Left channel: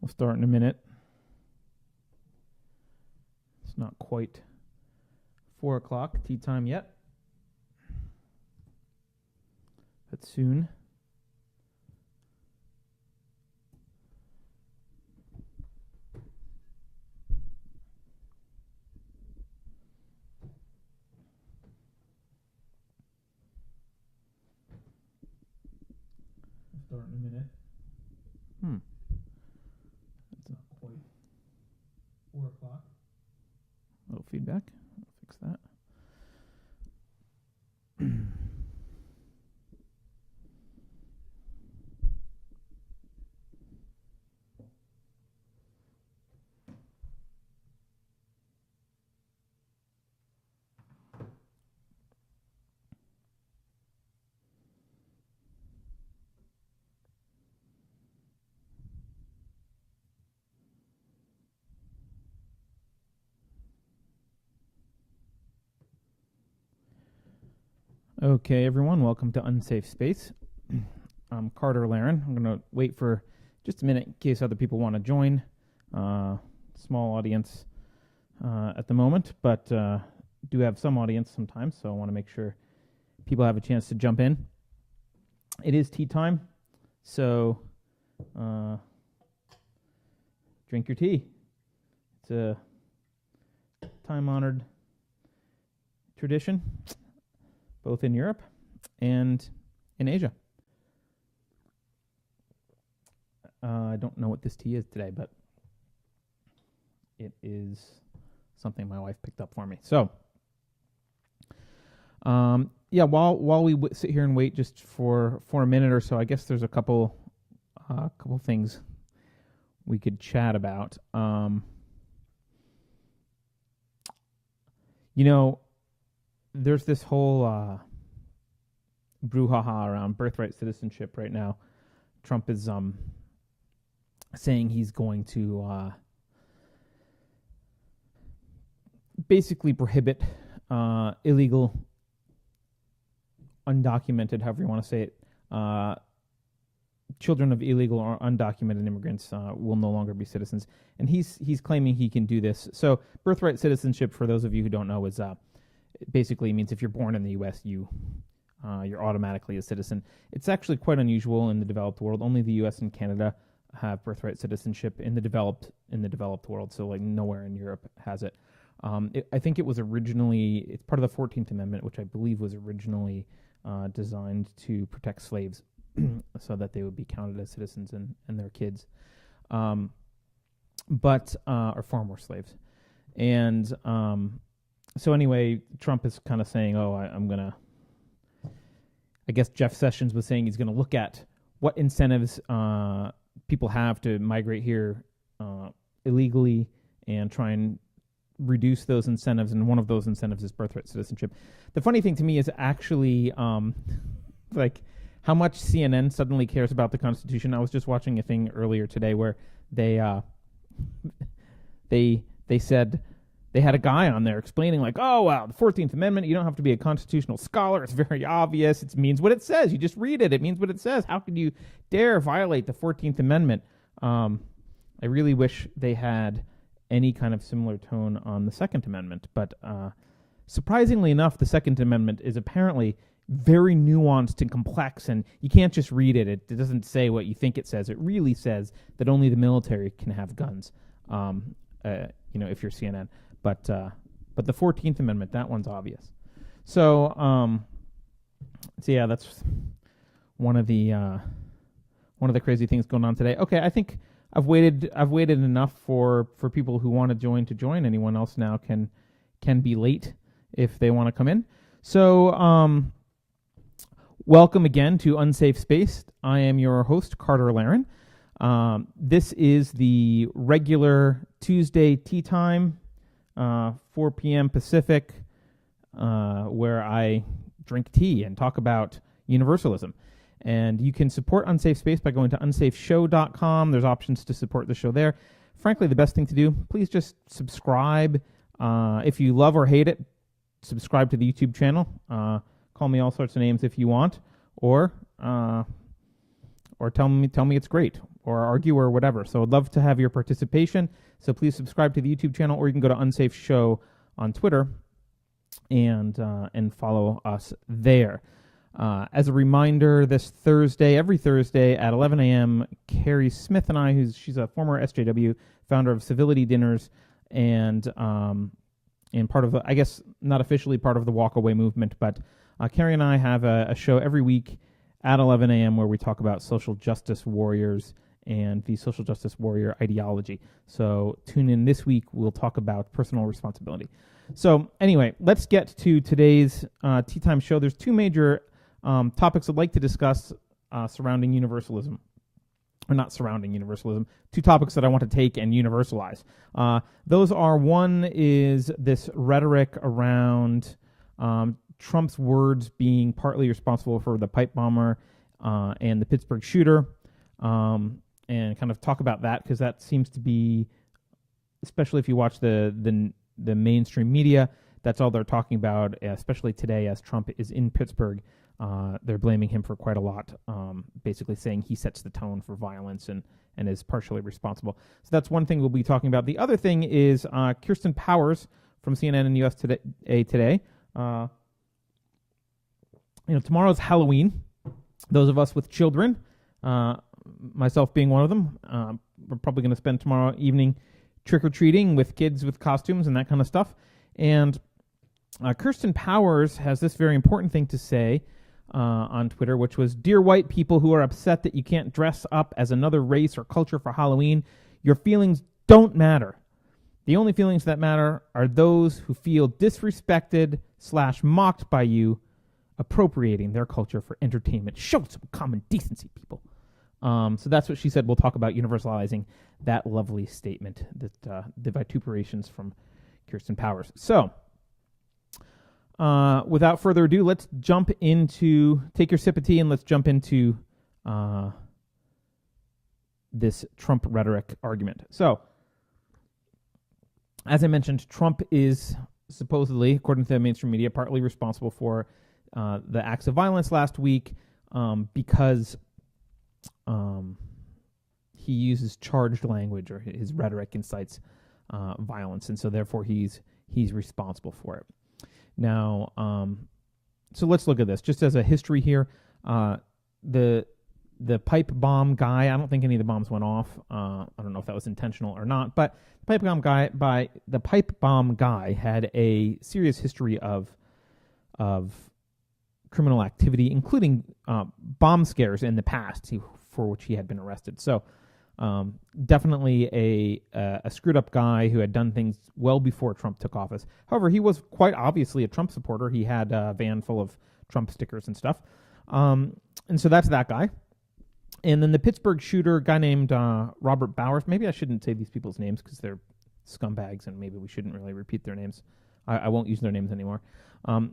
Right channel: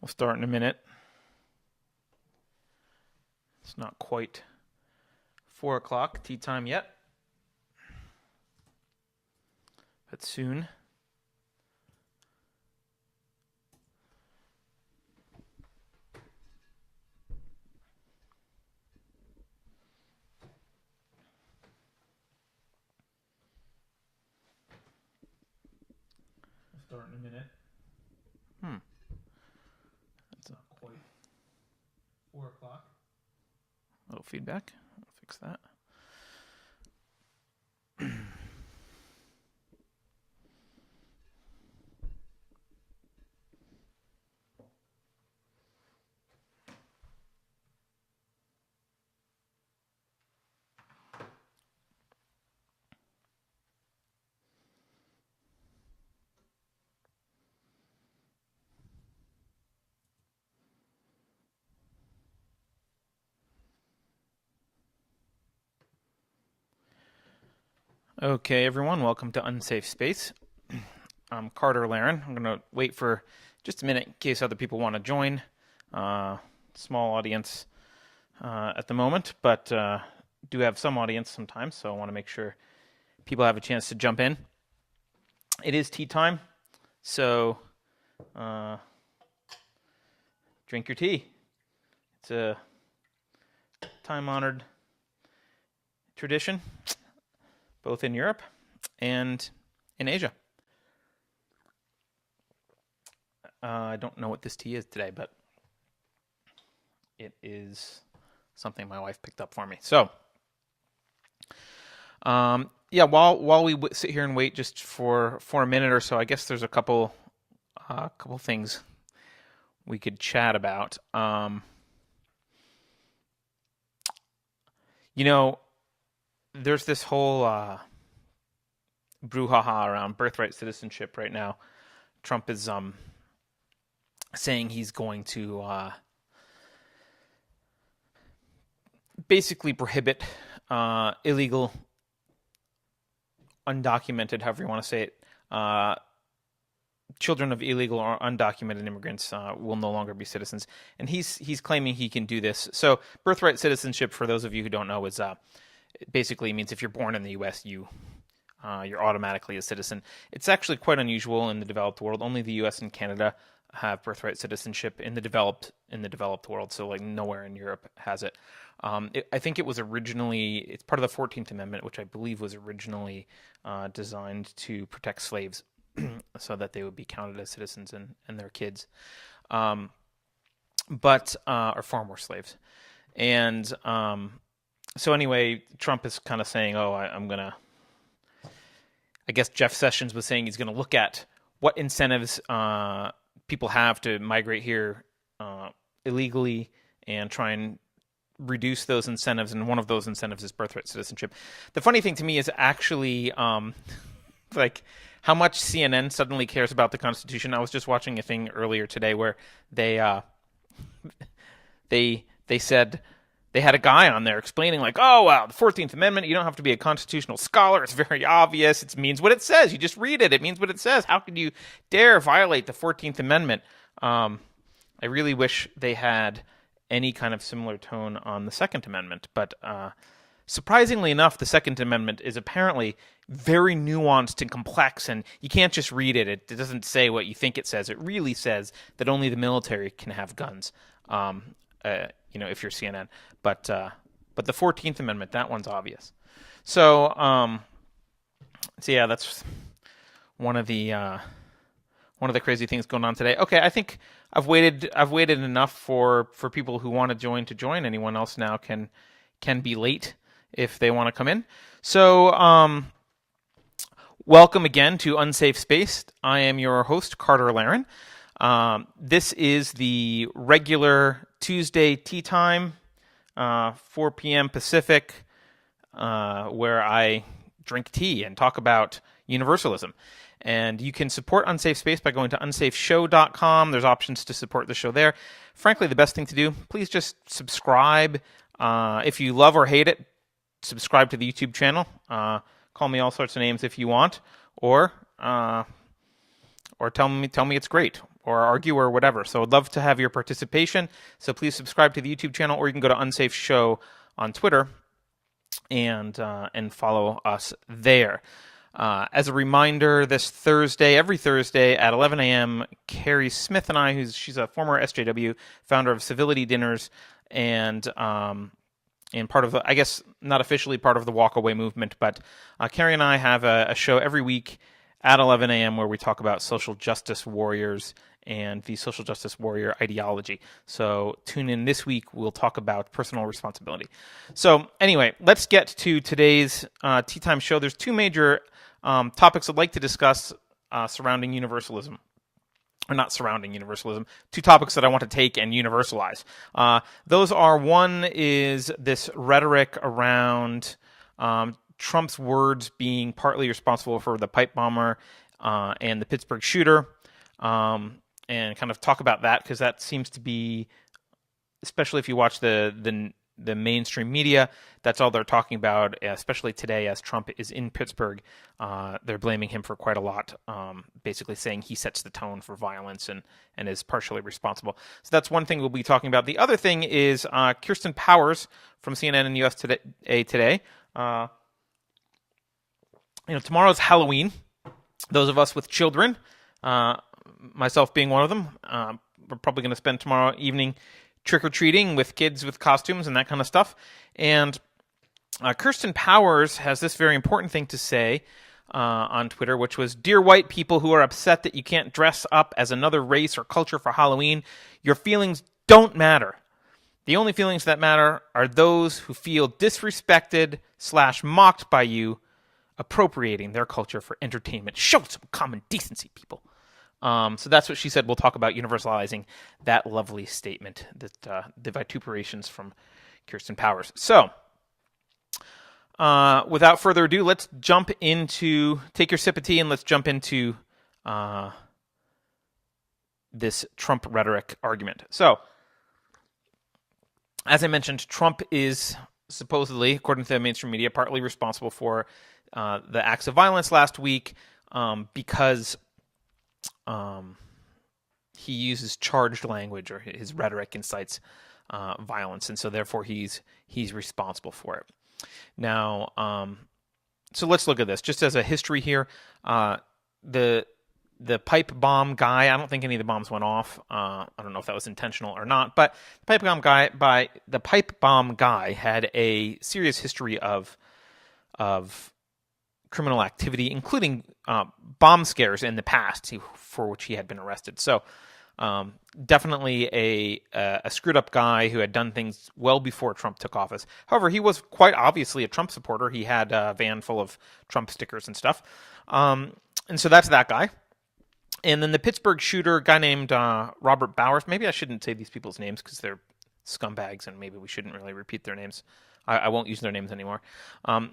We'll start in a minute. It's not quite 4 o'clock tea time yet, but soon. We'll start in a minute. That's not quite 4 o'clock. A little feedback. I'll fix that. Okay, everyone, welcome to Unsafe Space. I'm Carter Laren. I'm going to wait for just a minute in case other people want to join. Small audience at the moment, but do have some audience sometimes, so I want to make sure people have a chance to jump in. It is tea time, so drink your tea. It's a time-honored tradition, both in Europe and in Asia. I don't know what this tea is today, but it is something my wife picked up for me. So, while we sit here and wait just for a minute or so, I guess there's a couple things we could chat about. There's this whole brouhaha around birthright citizenship right now. Trump is saying he's going to basically prohibit illegal, undocumented, however you want to say it, children of illegal or undocumented immigrants will no longer be citizens. And he's claiming he can do this. So birthright citizenship, for those of you who don't know, is it basically means if you're born in the U.S., you're automatically a citizen. It's actually quite unusual in the developed world. Only the U.S. and Canada have birthright citizenship in the developed world. So like nowhere in Europe has it. I think it's part of the 14th Amendment, which I believe was originally designed to protect slaves so that they would be counted as citizens and their kids. Or far more slaves. And so anyway, Trump is kind of saying, I guess Jeff Sessions was saying he's going to look at what incentives people have to migrate here illegally and try and reduce those incentives. And one of those incentives is birthright citizenship. The funny thing to me is actually like how much CNN suddenly cares about the Constitution. I was just watching a thing earlier today where they said they had a guy on there explaining like, oh, wow, the 14th Amendment, you don't have to be a constitutional scholar. It's very obvious. It means what it says. You just read it. It means what it says. How could you dare violate the 14th Amendment? I really wish they had any kind of similar tone on the Second Amendment. But surprisingly enough, the Second Amendment is apparently very nuanced and complex, and you can't just read it. It doesn't say what you think it says. It really says that only the military can have guns. If you're CNN, but the 14th Amendment, that one's obvious. So yeah, that's one of the crazy things going on today. Okay, I think I've waited enough for people who want to join. Anyone else now can be late if they want to come in. So welcome again to Unsafe Space. I am your host, Carter Laren. This is the regular Tuesday tea time, 4 p.m. Pacific, where I drink tea and talk about universalism. And you can support Unsafe Space by going to unsafeshow.com. There's options to support the show there. Frankly, the best thing to do, please just subscribe. If you love or hate it, subscribe to the YouTube channel. Call me all sorts of names if you want, or tell me it's great, or argue or whatever. So I'd love to have your participation. So please subscribe to the YouTube channel, or you can go to Unsafe Show on Twitter and follow us there. As a reminder, this Thursday, every Thursday at 11 a.m., Carrie Smith and I, she's a former SJW, founder of Civility Dinners, and part of the, I guess not officially part of the Walkaway movement, but Carrie and I have a show every week at 11 a.m. where we talk about social justice warriors and the social justice warrior ideology. So tune in this week. We'll talk about personal responsibility. So anyway, let's get to today's Tea Time show. There's two major topics I'd like to discuss surrounding universalism. Or not surrounding universalism, two topics that I want to take and universalize. Those are, one is this rhetoric around Trump's words being partly responsible for the pipe bomber and the Pittsburgh shooter, and kind of talk about that, because that seems to be, especially if you watch the mainstream media, that's all they're talking about, especially today as Trump is in Pittsburgh. They're blaming him for quite a lot, basically saying he sets the tone for violence and is partially responsible. So that's one thing we'll be talking about. The other thing is Kirsten Powers from CNN and US Today. Tomorrow's Halloween. Those of us with children, myself being one of them, we're probably going to spend tomorrow evening trick-or-treating with kids with costumes and that kind of stuff. And Kirsten Powers has this very important thing to say on Twitter, which was, "Dear white people who are upset that you can't dress up as another race or culture for Halloween, your feelings don't matter. The only feelings that matter are those who feel disrespected/mocked by you appropriating their culture for entertainment. Show some common decency, people." So that's what she said. We'll talk about universalizing that lovely statement, that the vituperations from Kirsten Powers. So without further ado, let's jump into, take your sip of tea and let's jump into this Trump rhetoric argument. So as I mentioned, Trump is supposedly, according to the mainstream media, partly responsible for the acts of violence last week because he uses charged language, or his rhetoric incites violence, and so therefore he's responsible for it. Now, so let's look at this just as a history here. The pipe bomb guy, I don't think any of the bombs went off. I don't know if that was intentional or not, but the pipe bomb guy had a serious history of criminal activity, including bomb scares in the past, for which he had been arrested. So definitely a screwed up guy who had done things well before Trump took office. However, he was quite obviously a Trump supporter. He had a van full of Trump stickers and stuff. And so that's that guy. And then the Pittsburgh shooter, a guy named Robert Bowers. Maybe I shouldn't say these people's names because they're scumbags, and maybe we shouldn't really repeat their names. I won't use their names anymore.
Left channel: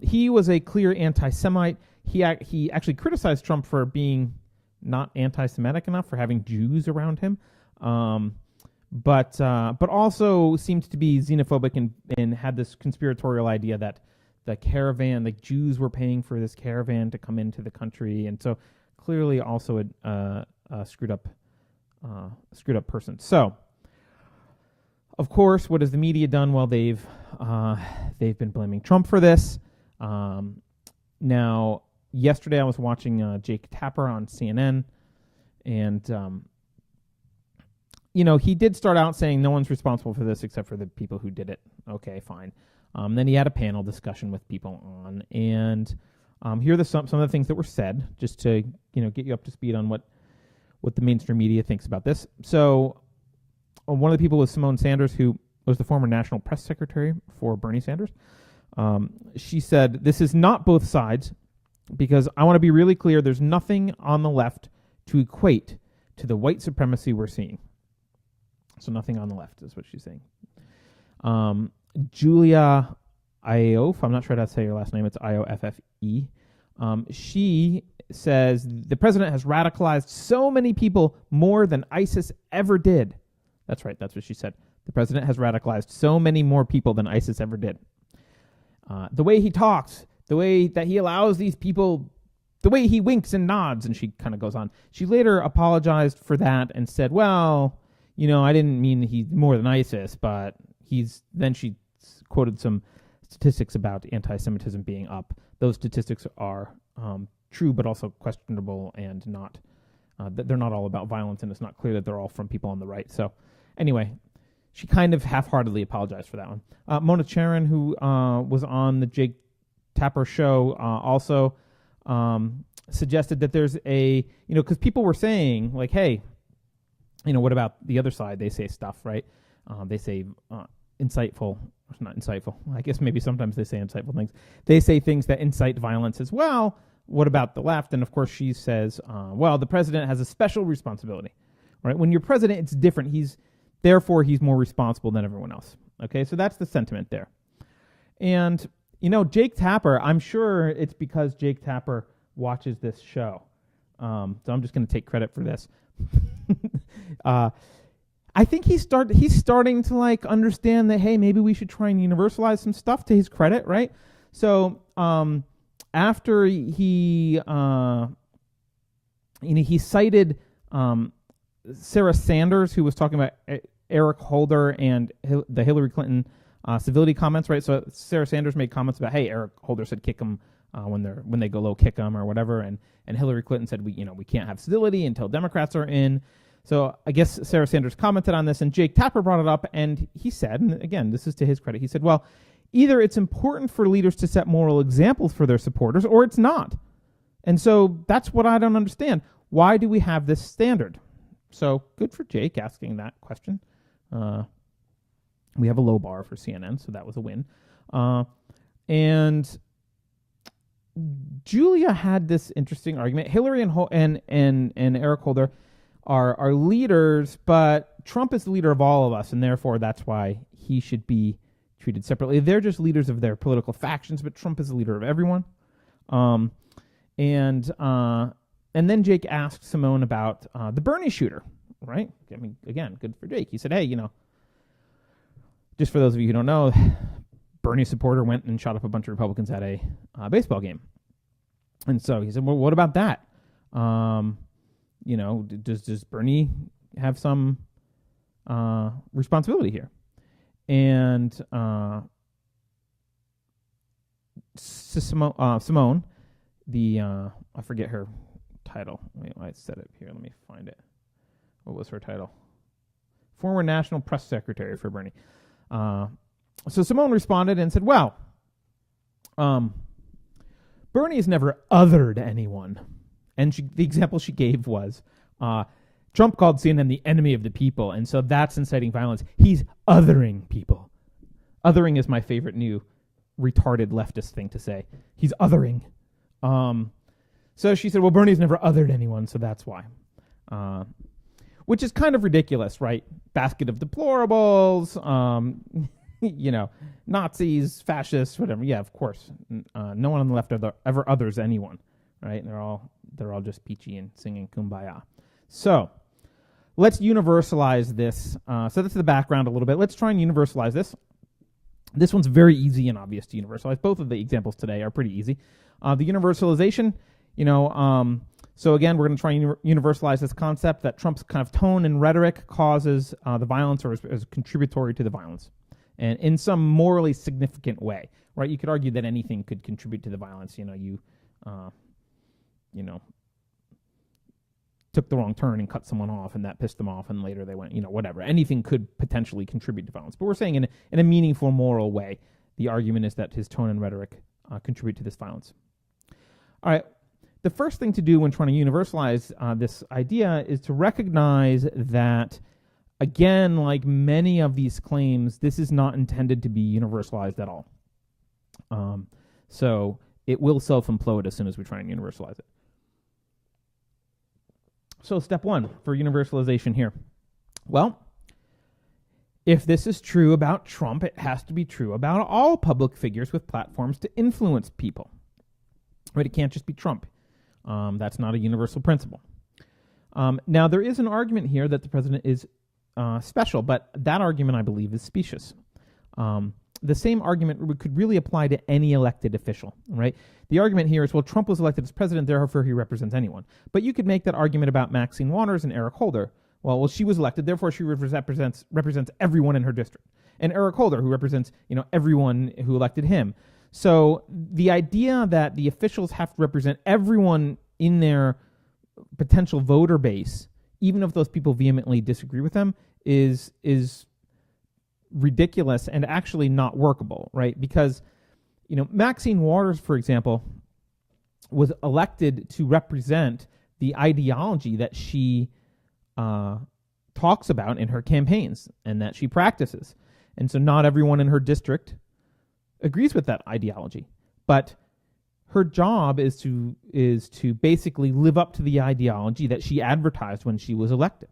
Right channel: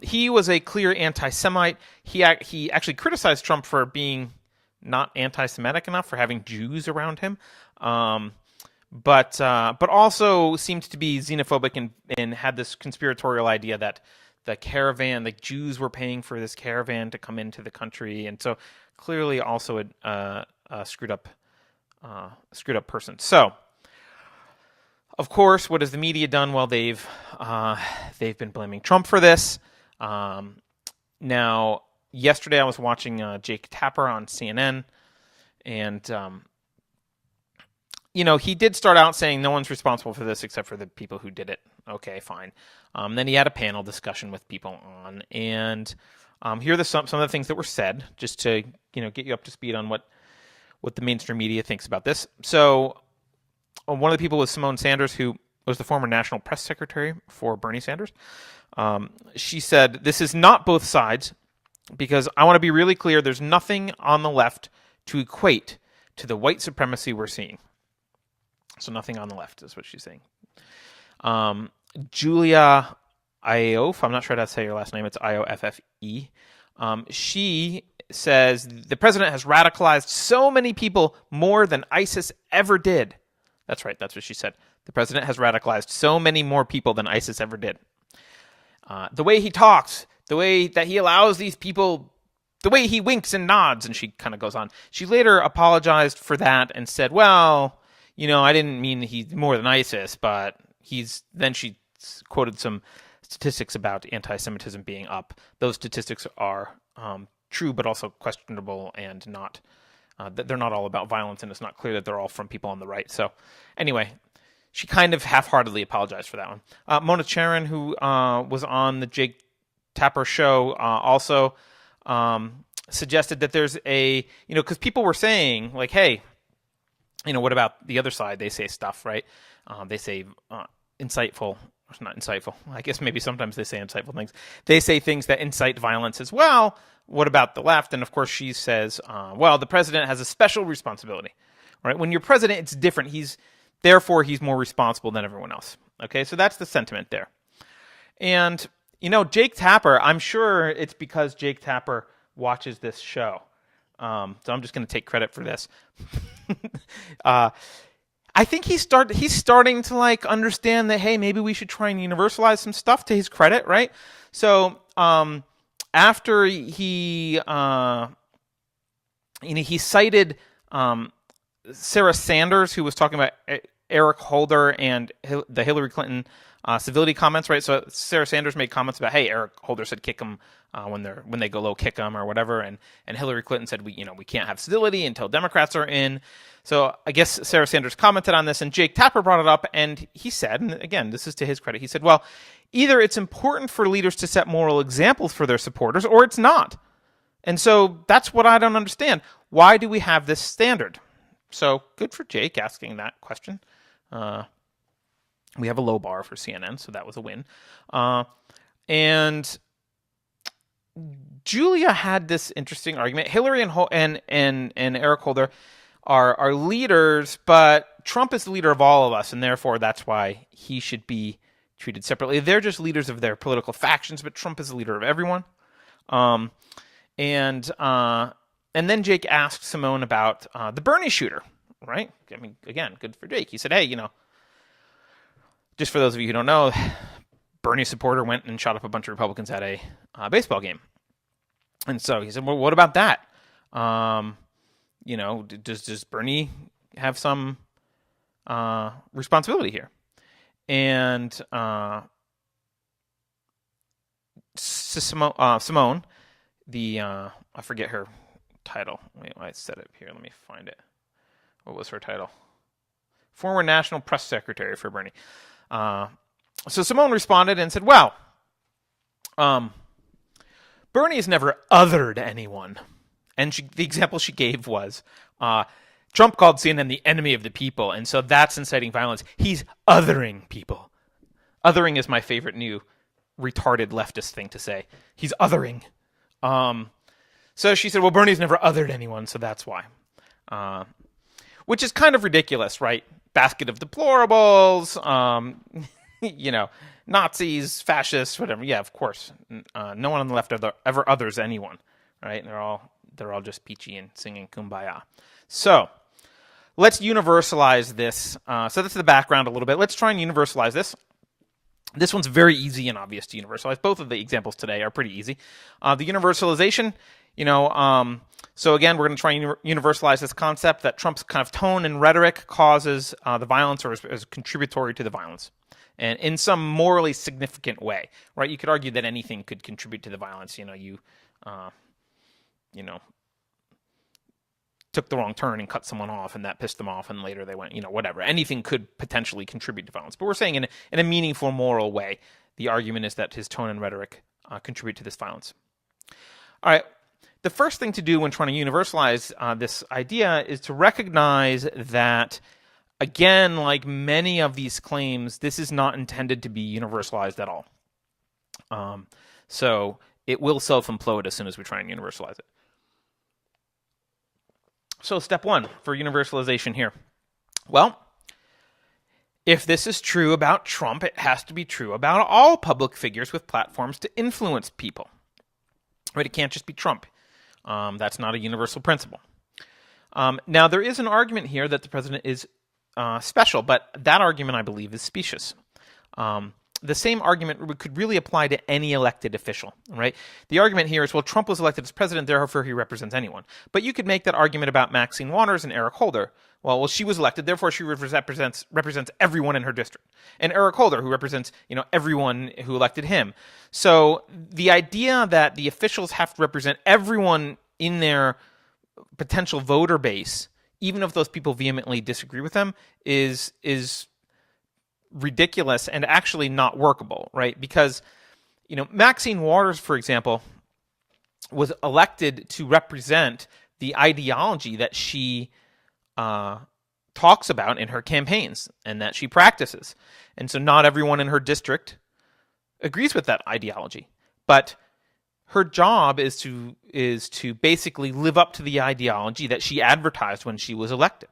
He was a clear anti-Semite. He actually criticized Trump for being not anti-Semitic enough, for having Jews around him, but also seemed to be xenophobic and had this conspiratorial idea that the caravan, the Jews were paying for this caravan to come into the country, and so clearly also a screwed up person. So, of course, what has the media done? Well, they've been blaming Trump for this. Now, yesterday I was watching Jake Tapper on CNN, and he did start out saying no one's responsible for this except for the people who did it. Okay, fine. Then he had a panel discussion with people on, and here are some of the things that were said, just to get you up to speed on what the mainstream media thinks about this. So one of the people was Simone Sanders, who was the former national press secretary for Bernie Sanders. She said, "This is not both sides, because I want to be really clear, there's nothing on the left to equate to the white supremacy we're seeing." So nothing on the left is what she's saying. Julia Ioffe, I'm not sure how to say her last name, it's Ioffe. She says, "The president has radicalized so many people more than ISIS ever did." That's right, that's what she said. The president has radicalized so many more people than ISIS ever did. The way he talks, the way that he allows these people the way he winks and nods, and she kind of goes on. She later apologized for that and said, well, I didn't mean he's more than ISIS, but then she quoted some statistics about anti-Semitism being up. Those statistics are true, but also questionable, and not they're not all about violence, and it's not clear that they're all from people on the right. So anyway, she kind of half-heartedly apologized for that one. Mona Charen, who was on the Jake Tapper show, also suggested that there's because people were saying, like, hey, what about the other side? They say stuff, right? They say insightful, not insightful. I guess maybe sometimes they say insightful things. They say things that incite violence as well. What about the left? And of course, she says, well, the president has a special responsibility, right? When you're president, it's different. Therefore, he's more responsible than everyone else. Okay, so that's the sentiment there. And, Jake Tapper, I'm sure it's because Jake Tapper watches this show. So I'm just going to take credit for this. I think he's starting to understand that, hey, maybe we should try and universalize some stuff, to his credit, right? So after he cited Sarah Sanders, who was talking about Eric Holder and the Hillary Clinton civility comments, right? So Sarah Sanders made comments about, hey, Eric Holder said kick him when they go low, kick them or whatever, and Hillary Clinton said we can't have civility until Democrats are in. So I guess Sarah Sanders commented on this, and Jake Tapper brought it up, and he said, and again, this is to his credit, he said, well, either it's important for leaders to set moral examples for their supporters, or it's not. And so that's what I don't understand. Why do we have this standard? So good for Jake asking that question. We have a low bar for CNN, so that was a win. And Julia had this interesting argument. Hillary and Eric Holder are leaders, but Trump is the leader of all of us, and therefore that's why he should be treated separately. They're just leaders of their political factions, but Trump is the leader of everyone. And then Jake asked Simone about the Bernie shooter, right? I mean, again, good for Jake. He said, hey, just for those of you who don't know, Bernie supporter went and shot up a bunch of Republicans at a baseball game. And so he said, well, what about that? Does Bernie have some responsibility here? And Simone, I forget her title. Wait, I set it here. Let me find it. What was her title? Former National Press Secretary for Bernie. So Simone responded and said, well, Bernie has never othered anyone. And the example she gave was Trump called CNN the enemy of the people, and so that's inciting violence. He's othering people. Othering is my favorite new retarded leftist thing to say. He's othering. So she said, well, Bernie's never othered anyone, so that's why. Which is kind of ridiculous, right? Basket of deplorables, Nazis, fascists, whatever. Yeah, of course. No one on the left ever others anyone, right? They're all just peachy and singing Kumbaya. So let's universalize this. So that's the background a little bit. Let's try and universalize this. This one's very easy and obvious to universalize. Both of the examples today are pretty easy. The universalization, so again, we're going to try and universalize this concept that Trump's kind of tone and rhetoric causes the violence, or is contributory to the violence, and in some morally significant way, right? You could argue that anything could contribute to the violence. Took the wrong turn and cut someone off, and that pissed them off, and later they went, whatever. Anything could potentially contribute to violence. But we're saying in a meaningful moral way, the argument is that his tone and rhetoric contribute to this violence. All right. The first thing to do when trying to universalize this idea is to recognize that, again, like many of these claims, this is not intended to be universalized at all. So it will self-implode as soon as we try and universalize it. So step one for universalization here. Well, if this is true about Trump, it has to be true about all public figures with platforms to influence people. Right? It can't just be Trump. That's not a universal principle. Now, there is an argument here that the president is special, but that argument, I believe, is specious. the same argument could really apply to any elected official, right? The argument here is, well, Trump was elected as president, therefore he represents anyone. But you could make that argument about Maxine Waters and Eric Holder. Well, she was elected, therefore she represents everyone in her district. And Eric Holder, who represents, everyone who elected him. So the idea that the officials have to represent everyone in their potential voter base, even if those people vehemently disagree with them, is ridiculous and actually not workable, right? Because, Maxine Waters, for example, was elected to represent the ideology that she talks about in her campaigns and that she practices. And so not everyone in her district agrees with that ideology. But her job is to basically live up to the ideology that she advertised when she was elected.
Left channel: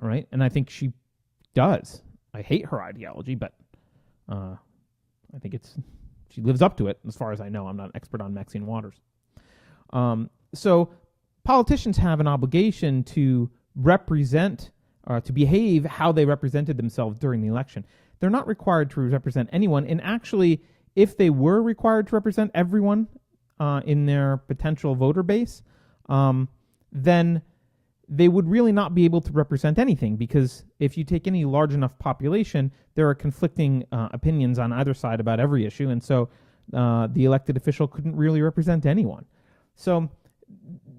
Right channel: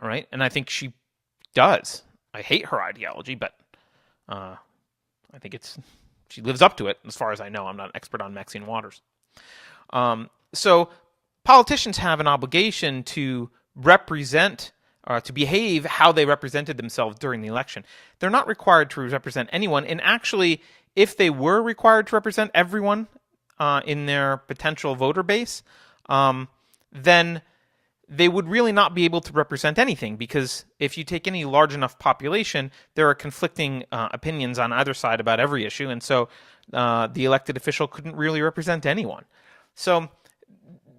All right? And I think she does. I hate her ideology, but I think she lives up to it, as far as I know. I'm not an expert on Maxine Waters. So politicians have an obligation to represent, to behave how they represented themselves during the election. They're not required to represent anyone. And actually, if they were required to represent everyone in their potential voter base, then they would really not be able to represent anything, because if you take any large enough population, there are conflicting opinions on either side about every issue, and so the elected official couldn't really represent anyone. So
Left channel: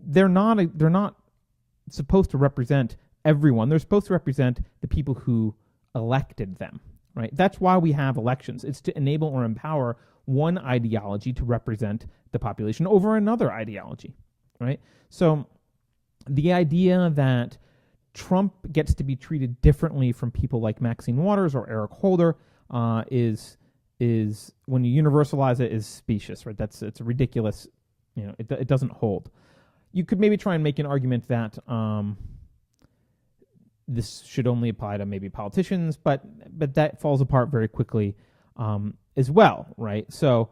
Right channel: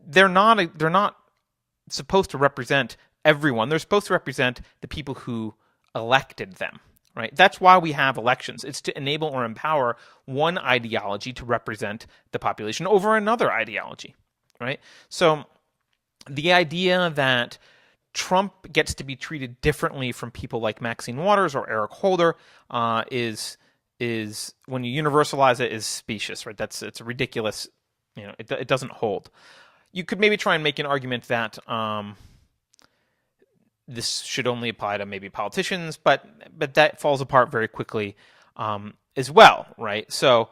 they're not supposed to represent everyone. They're supposed to represent the people who elected them, right? That's why we have elections. It's to enable or empower one ideology to represent the population over another ideology, right? So the idea that Trump gets to be treated differently from people like Maxine Waters or Eric Holder is when you universalize it, is specious, right? It's a ridiculous, it doesn't hold. You could maybe try and make an argument that this should only apply to maybe politicians, but that falls apart very quickly as well, right? So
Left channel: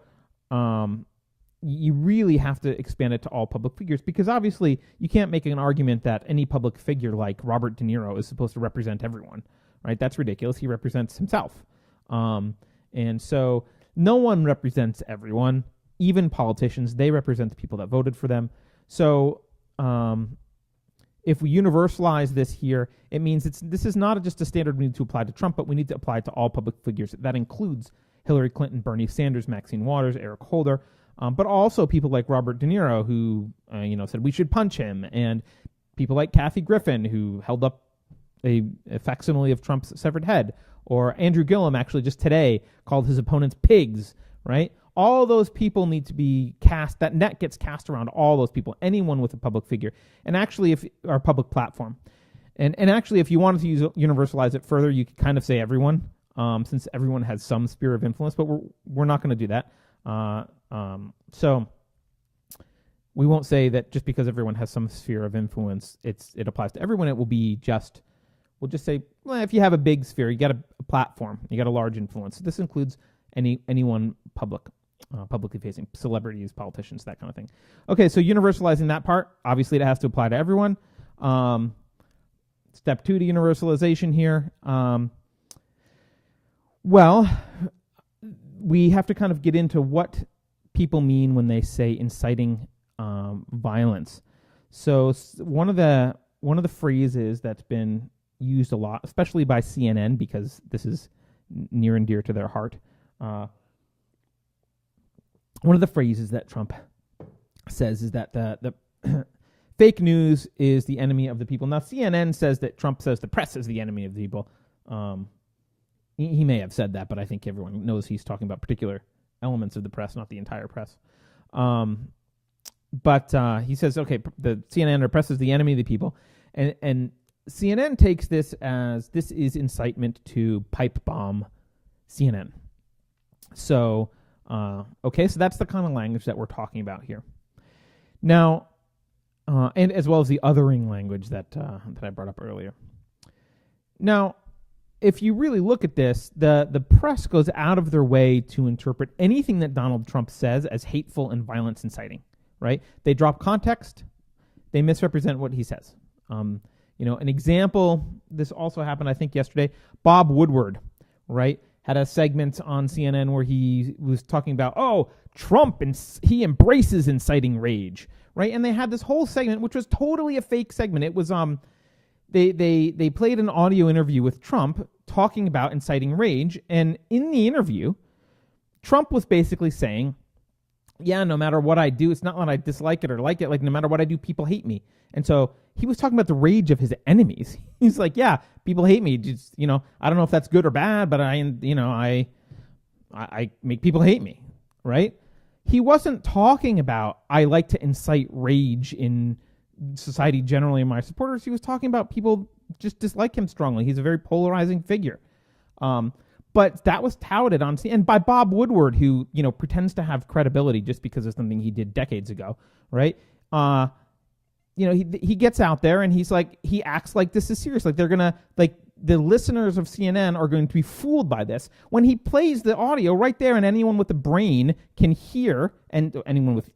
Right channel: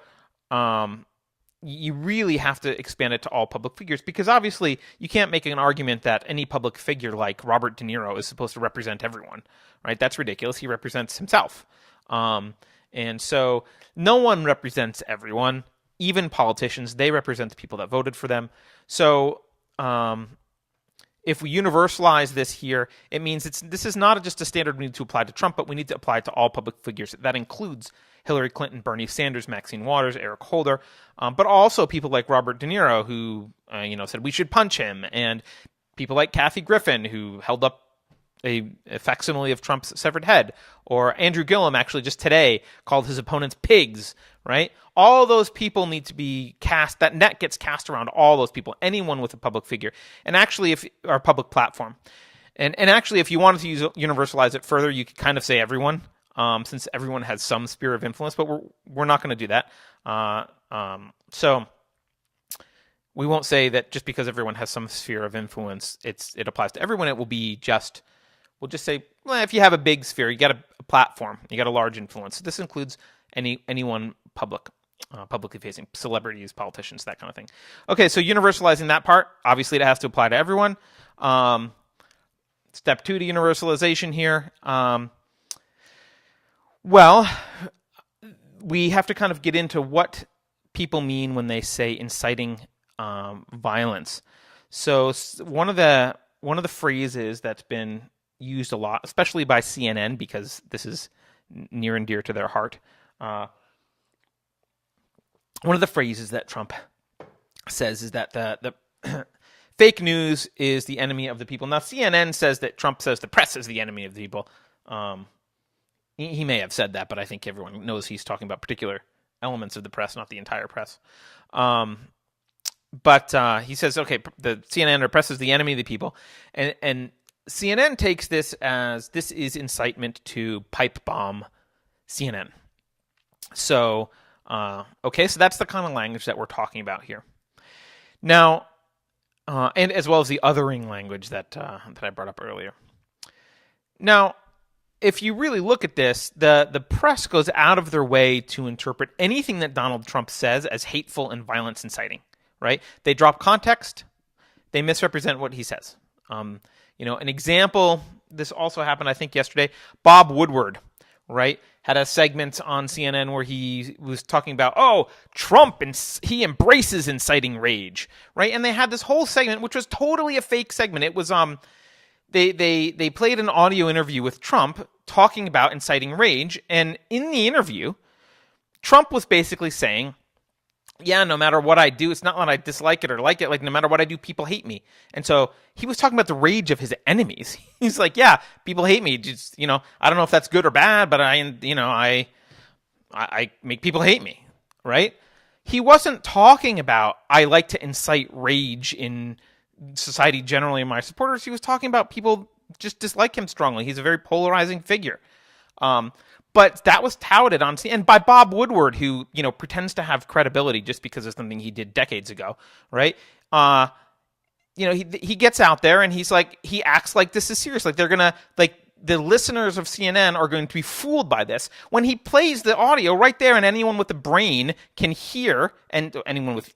you really have to expand it to all public figures, because obviously you can't make an argument that any public figure like Robert De Niro is supposed to represent everyone, right? That's ridiculous. He represents himself. And so no one represents everyone, even politicians. They represent the people that voted for them. So if we universalize this here, it means this is not just a standard we need to apply to Trump, but we need to apply it to all public figures. That includes Hillary Clinton, Bernie Sanders, Maxine Waters, Eric Holder, but also people like Robert De Niro, who said we should punch him, and people like Kathy Griffin, who held up a facsimile of Trump's severed head, or Andrew Gillum, actually just today, called his opponents pigs, right? All those people need to be cast. That net gets cast around all those people, anyone with a public figure, and actually, our public platform, and actually, if you wanted to universalize it further, you could kind of say everyone, since everyone has some sphere of influence, but we're not going to do that. So we won't say that just because everyone has some sphere of influence, it applies to everyone. It will be we'll just say, well, if you have a big sphere, you got a platform, you got a large influence. So this includes anyone publicly facing, celebrities, politicians, that kind of thing. Okay, so universalizing that part, obviously it has to apply to everyone. Step 2 to universalization here. Well, we have to kind of get into what people mean when they say inciting violence. So one of the phrases that's been used a lot, especially by CNN, because this is near and dear to their heart. One of the phrases that Trump says is that the fake news is the enemy of the people. Now, CNN says that Trump says the press is the enemy of the people. He may have said that, but I think everyone knows he's talking about particular elements of the press, not the entire press. But he says, okay, the CNN or press is the enemy of the people. And CNN takes this as this is incitement to pipe bomb CNN. So, okay, so that's the kind of language that we're talking about here. Now, and as well as the othering language that I brought up earlier. Now, if you really look at this, the press goes out of their way to interpret anything that Donald Trump says as hateful and violence inciting, right? They drop context. They misrepresent what he says. An example, this also happened, I think, yesterday. Bob Woodward, right, had a segment on CNN where he was talking about, Trump, and he embraces inciting rage, right? And they had this whole segment, which was totally a fake segment. It was they played an audio interview with Trump talking about inciting rage, and in the interview, Trump was basically saying, yeah, no matter what I do, it's not that I dislike it or like it. Like, no matter what I do, people hate me. And so he was talking about the rage of his enemies. He's like, yeah, people hate me. Just, I don't know if that's good or bad, but I make people hate me, right? He wasn't talking about, I like to incite rage in society generally in my supporters. He was talking about people just dislike him strongly. He's a very polarizing figure. But that was touted on CNN by Bob Woodward, who, pretends to have credibility just because of something he did decades ago, right? He gets out there and he acts like this is serious. Like they're going to, the listeners of CNN are going to be fooled by this. When he plays the audio right there, and anyone with a brain can hear, and anyone with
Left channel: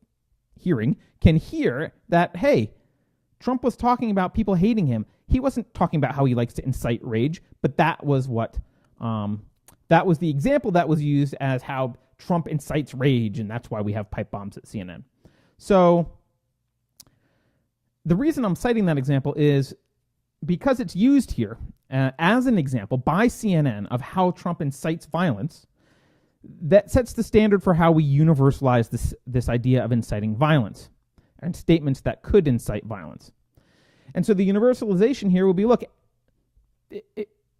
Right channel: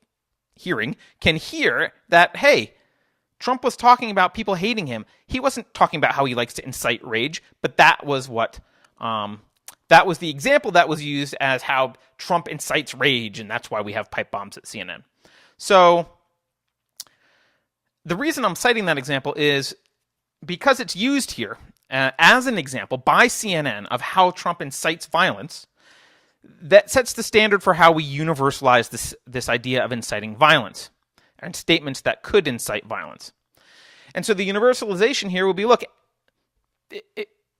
hearing can hear that, hey, Trump was talking about people hating him. He wasn't talking about how he likes to incite rage, but that was what... that was the example that was used as how Trump incites rage, and that's why we have pipe bombs at CNN. So the reason I'm citing that example is because it's used here as an example by CNN of how Trump incites violence. That sets the standard for how we universalize this idea of inciting violence and statements that could incite violence. And so the universalization here will be, look,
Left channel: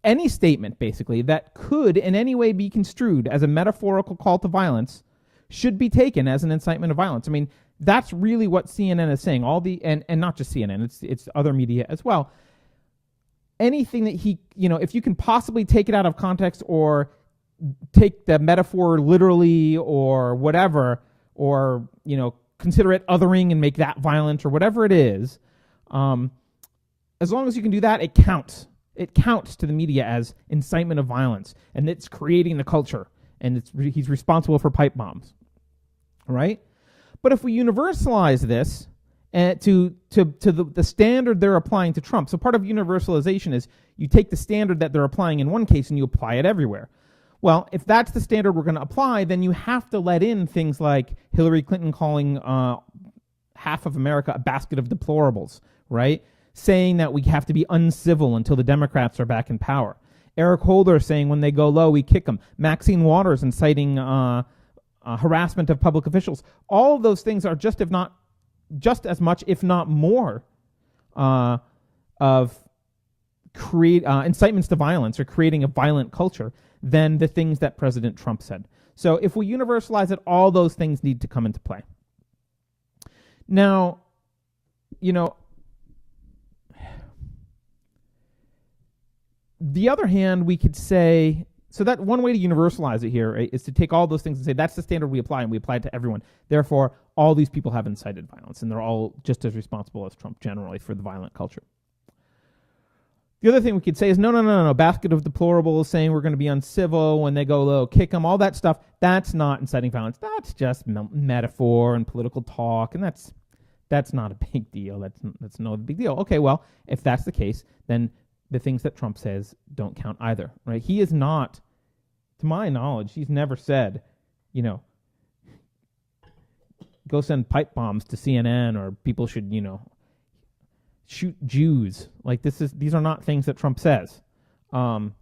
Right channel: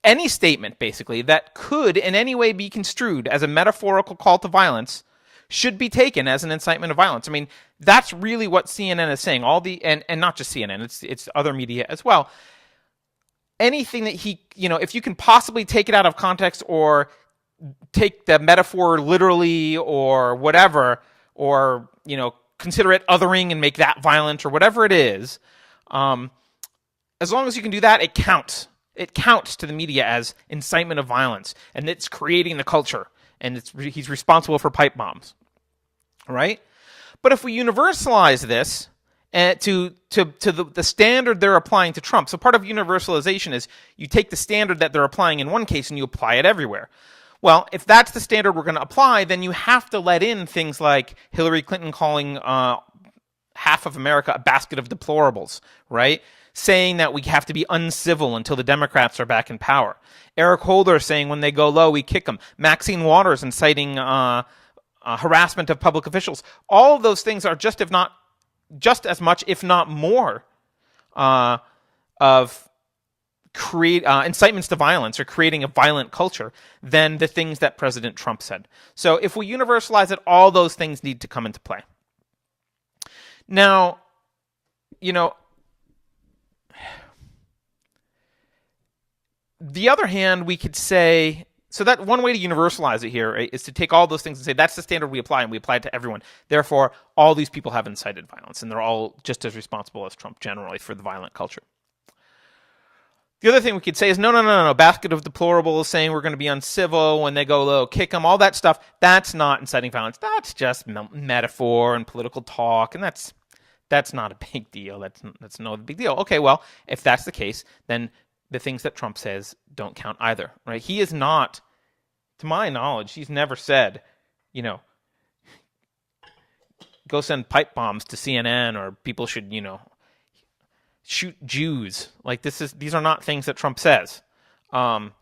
any statement, basically, that could in any way be construed as a metaphorical call to violence should be taken as an incitement of violence. I mean, that's really what CNN is saying. And not just CNN, it's other media as well. Anything that if you can possibly take it out of context or take the metaphor literally or whatever, or, consider it othering and make that violent or whatever it is, as long as you can do that, it counts. It counts to the media as incitement of violence, and it's creating the culture, and he's responsible for pipe bombs, right? But if we universalize this to the standard they're applying to Trump, so part of universalization is you take the standard that they're applying in one case and you apply it everywhere. Well, if that's the standard we're going to apply, then you have to let in things like Hillary Clinton calling half of America a basket of deplorables, right? Saying that we have to be uncivil until the Democrats are back in power. Eric Holder saying when they go low, we kick them. Maxine Waters inciting harassment of public officials. All of those things are just as much, if not more, of incitements to violence or creating a violent culture than the things that President Trump said. So if we universalize it, all those things need to come into play. Now, the other hand, we could say, so that one way to universalize it here, right, is to take all those things and say that's the standard we apply, and we apply it to everyone. Therefore, all these people have incited violence, and they're all just as responsible as Trump generally for the violent culture. The other thing we could say is, no, basket of deplorables saying we're going to be uncivil when they go low, kick them, all that stuff, that's not inciting violence. That's just metaphor and political talk, and that's not a big deal. That's no big deal. Okay, well, if that's the case, then the things that Trump says don't count either, right? He is not, to my knowledge, he's never said, go send pipe bombs to CNN, or people should, shoot Jews. Like these are not things that Trump says. And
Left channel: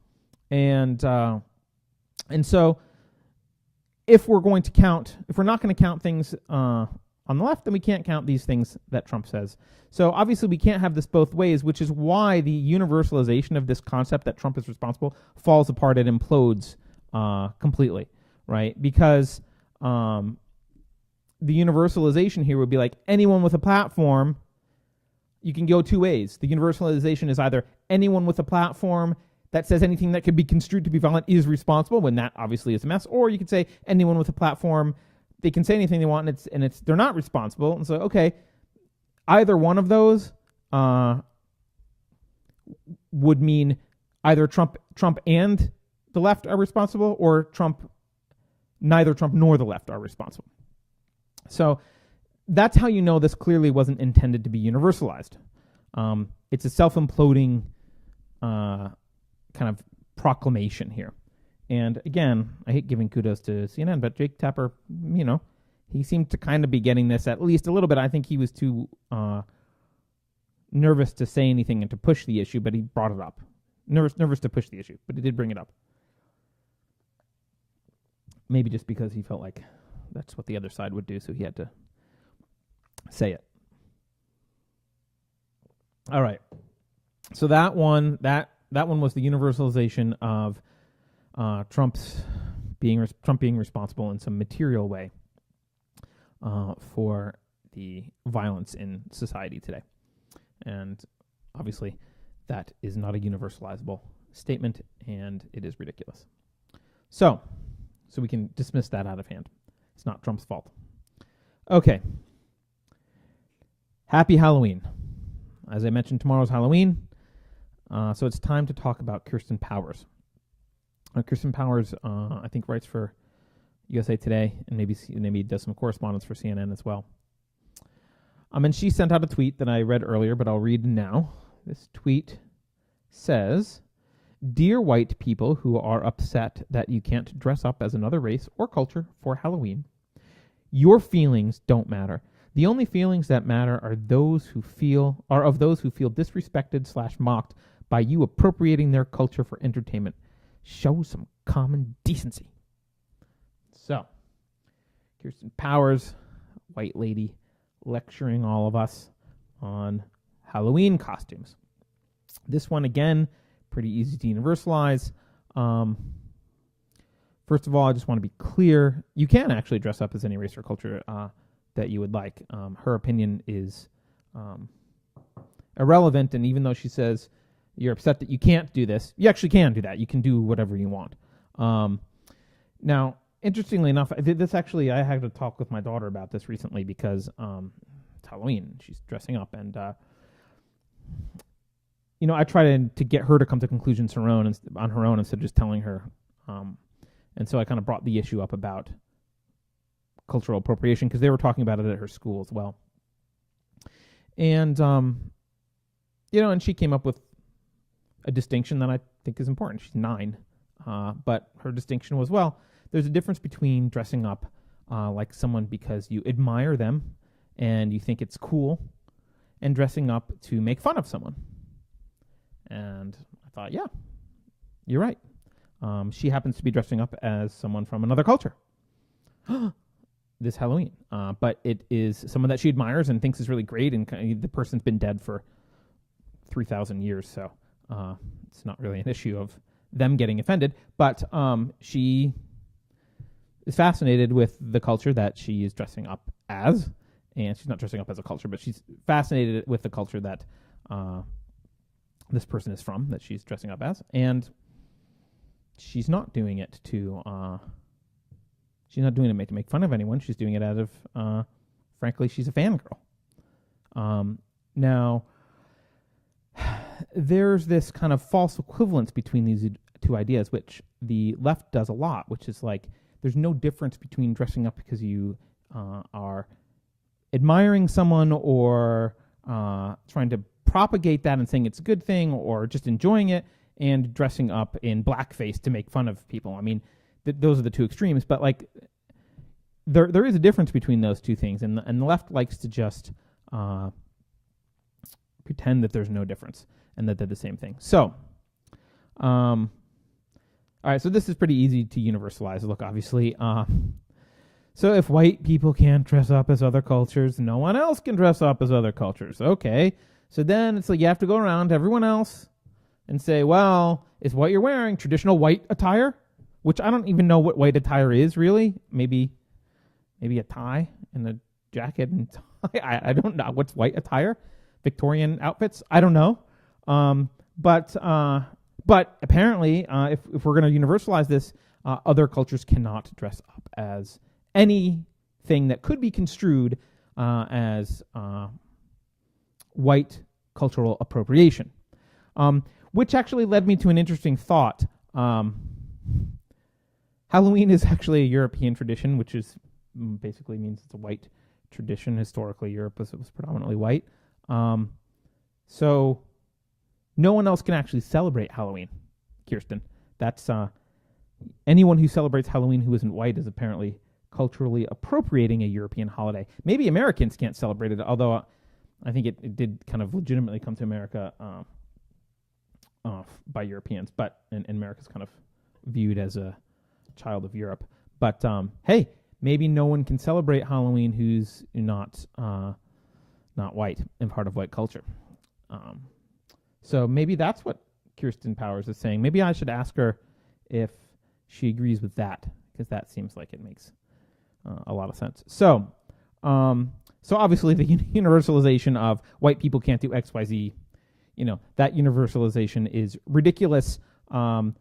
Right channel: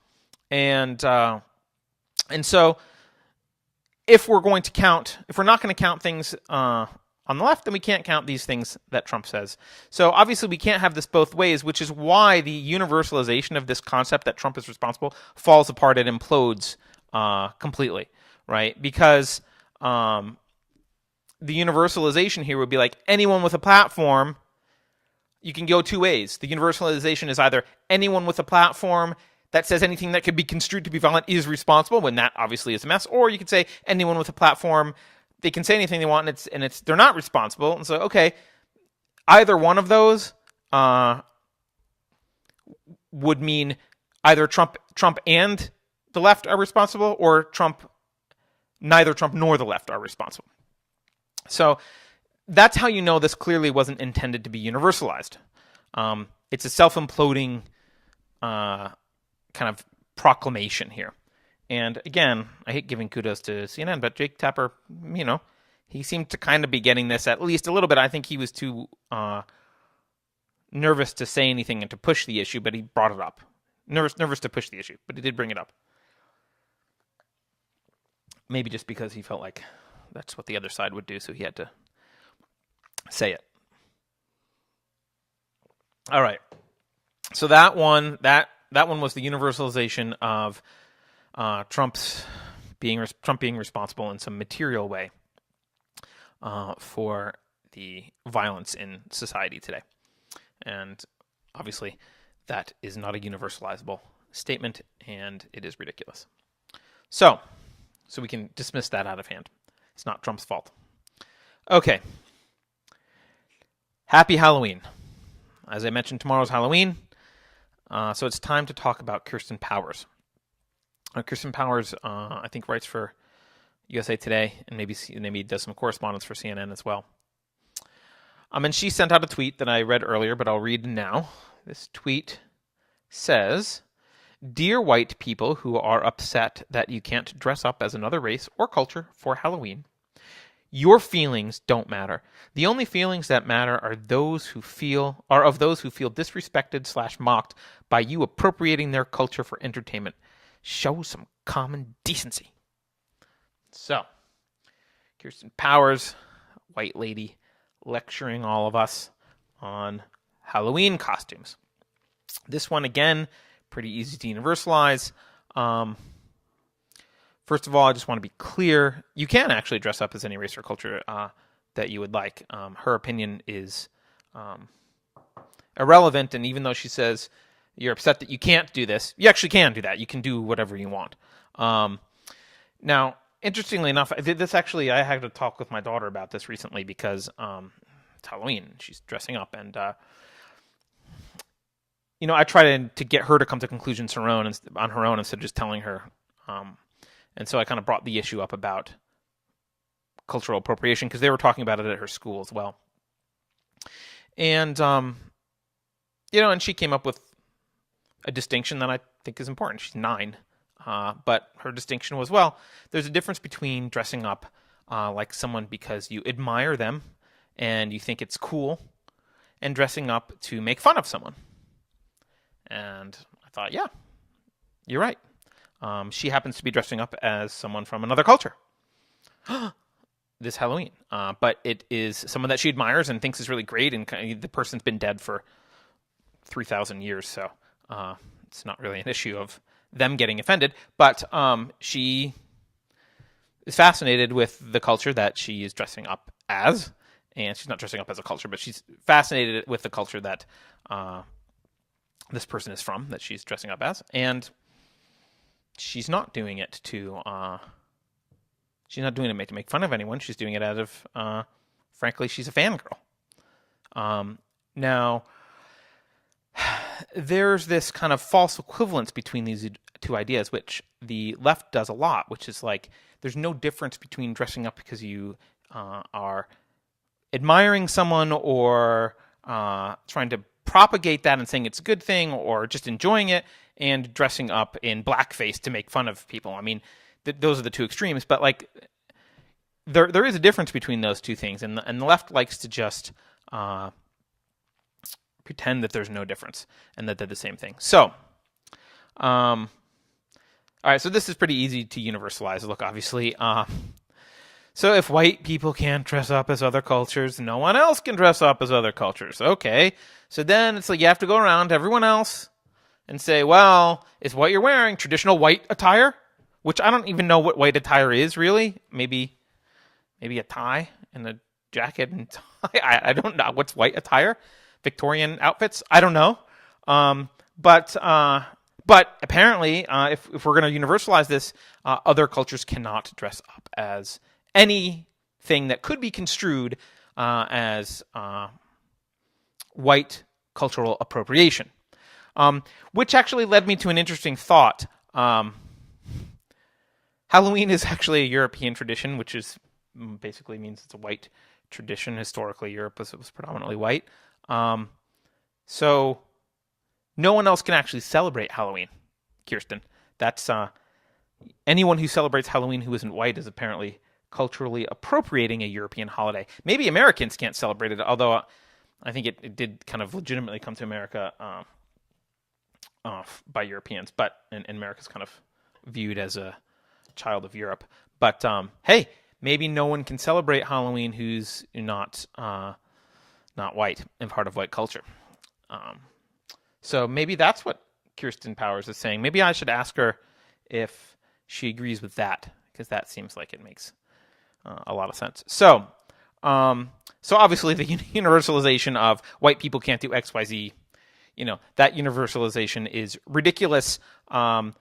so if we're not going to count things on the left, then we can't count these things that Trump says. So obviously we can't have this both ways, which is why the universalization of this concept that Trump is responsible falls apart. It implodes completely, right? Because the universalization here would be like anyone with a platform, you can go two ways. The universalization is either anyone with a platform that says anything that could be construed to be violent is responsible, when that obviously is a mess, or you could say anyone with a platform, they can say anything they want, and they're not responsible. And so, okay, either one of those would mean either Trump and the left are responsible, or neither Trump nor the left are responsible. So that's how you know this clearly wasn't intended to be universalized. It's a self-imploding kind of proclamation here. And again, I hate giving kudos to CNN, but Jake Tapper, he seemed to kind of be getting this at least a little bit. I think he was too nervous to say anything and to push the issue, but he brought it up. Nervous to push the issue, but he did bring it up. Maybe just because he felt like that's what the other side would do, so he had to say it. All right. So that one was the universalization of Trump being responsible in some material way for the violence in society today. And obviously, that is not a universalizable statement, and it is ridiculous. So we can dismiss that out of hand. It's not Trump's fault. Okay. Happy Halloween. As I mentioned, tomorrow's Halloween, so it's time to talk about Kirsten Powers. Kirsten Powers, I think, writes for USA Today, and maybe does some correspondence for CNN as well. And she sent out a tweet that I read earlier, but I'll read now. This tweet says, "Dear white people who are upset that you can't dress up as another race or culture for Halloween, your feelings don't matter. The only feelings that matter are of those who feel disrespected / mocked by you appropriating their culture for entertainment. Show some common decency." So, Kirsten Powers, white lady, lecturing all of us on Halloween costumes. This one, again, pretty easy to universalize. First of all, I just want to be clear. You can actually dress up as any race or culture that you would like. Her opinion is irrelevant, and even though she says you're upset that you can't do this, you actually can do that. You can do whatever you want. Now, interestingly enough, I had to talk with my daughter about this recently because it's Halloween. She's dressing up, and I try to get her to come to conclusions on her own instead of just telling her. And so I kind of brought the issue up about cultural appropriation because they were talking about it at her school as well. And, and she came up with a distinction that I think is important. She's 9. But her distinction was, well, there's a difference between dressing up like someone because you admire them and you think it's cool, and dressing up to make fun of someone. And I thought, yeah, you're right. She happens to be dressing up as someone from another culture this Halloween. But it is someone that she admires and thinks is really great, and the person's been dead for 3,000 years, so it's not really an issue of them getting offended. But she is fascinated with the culture that she is dressing up as, and she's not dressing up as a culture, but she's fascinated with the culture that this person is from, that she's dressing up as, and she's not doing it to make fun of anyone. She's doing it out of, frankly, she's a fangirl. Now, there's this kind of false equivalence between these two ideas, which the left does a lot, which is like there's no difference between dressing up because you are admiring someone or trying to propagate that and saying it's a good thing or just enjoying it, and dressing up in blackface to make fun of people. I mean, those are the two extremes, but like there is a difference between those two things, and the left likes to just pretend that there's no difference and that they're the same thing. So, all right, so this is pretty easy to universalize. Look, obviously, so if white people can't dress up as other cultures, no one else can dress up as other cultures. Okay, so then it's like you have to go around to everyone else and say, well, is what you're wearing traditional white attire? Which I don't even know what white attire is, really. Maybe a tie and a jacket and tie. I don't know. What's white attire? Victorian outfits? I don't know. But apparently, if we're going to universalize this, other cultures cannot dress up as anything that could be construed as white cultural appropriation. Which actually led me to an interesting thought. Halloween is actually a European tradition, which is basically means it's a white tradition. Historically, Europe was predominantly white. So no one else can actually celebrate Halloween, Kirsten. That's anyone who celebrates Halloween who isn't white is apparently culturally appropriating a European holiday. Maybe Americans can't celebrate it, although I think it did kind of legitimately come to America by Europeans, but and America's kind of viewed as a child of Europe. But hey, maybe no one can celebrate Halloween who's not white and part of white culture. So maybe that's what Kirsten Powers is saying. Maybe I should ask her if she agrees with that, because that seems like it makes a lot of sense. So obviously the universalization of white people can't do X, Y, Z, that universalization is ridiculous. That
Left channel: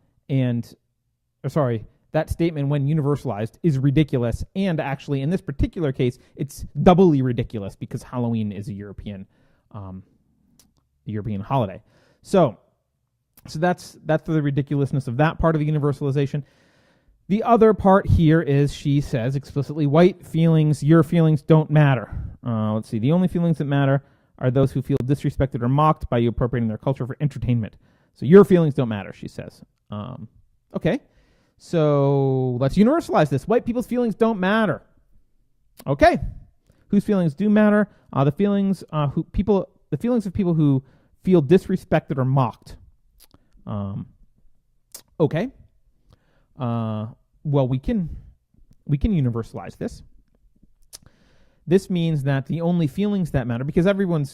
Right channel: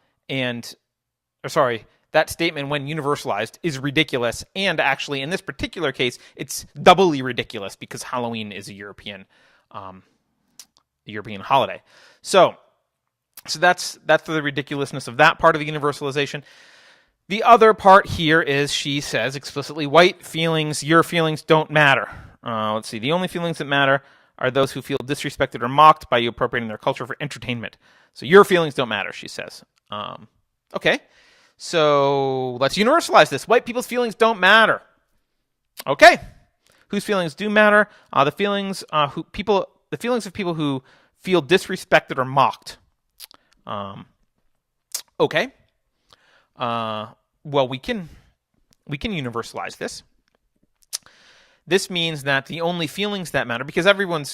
statement, when universalized, is ridiculous. And actually, in this particular case, it's doubly ridiculous because Halloween is a European holiday. So that's the ridiculousness of that part of the universalization. The other part here is she says explicitly, white feelings, your feelings don't matter. Let's see. The only feelings that matter are those who feel disrespected or mocked by you appropriating their culture for entertainment. So your feelings don't matter, she says. Okay. So let's universalize this. White people's feelings don't matter. Okay. Whose feelings do matter? The feelings of people who feel disrespected or mocked. Okay. Well, we can universalize this. This means that the only feelings that matter, because everyone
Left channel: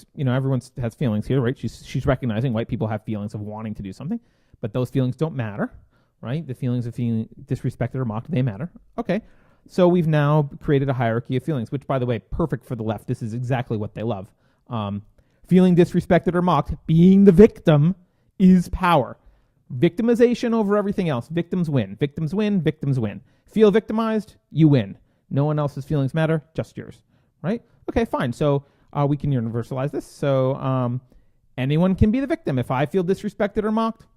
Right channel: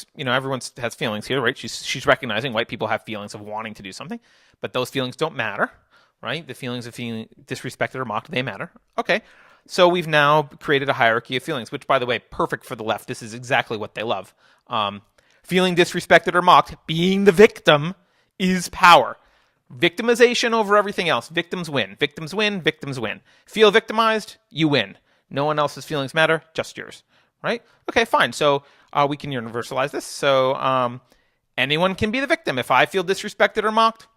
has feelings here, right? She's recognizing white people have feelings of wanting to do something, but those feelings don't matter, right? The feelings of feeling disrespected or mocked, they matter. Okay. So we've now created a hierarchy of feelings, which, by the way, perfect for the left. This is exactly what they love. Feeling disrespected or mocked, being the victim, is power. Victimization over everything else. Victims win. Victims win. Victims win. Feel victimized, you win. No one else's feelings matter, just yours. Right? Okay, fine. So we can universalize this. So anyone can be the victim. If I feel disrespected or mocked,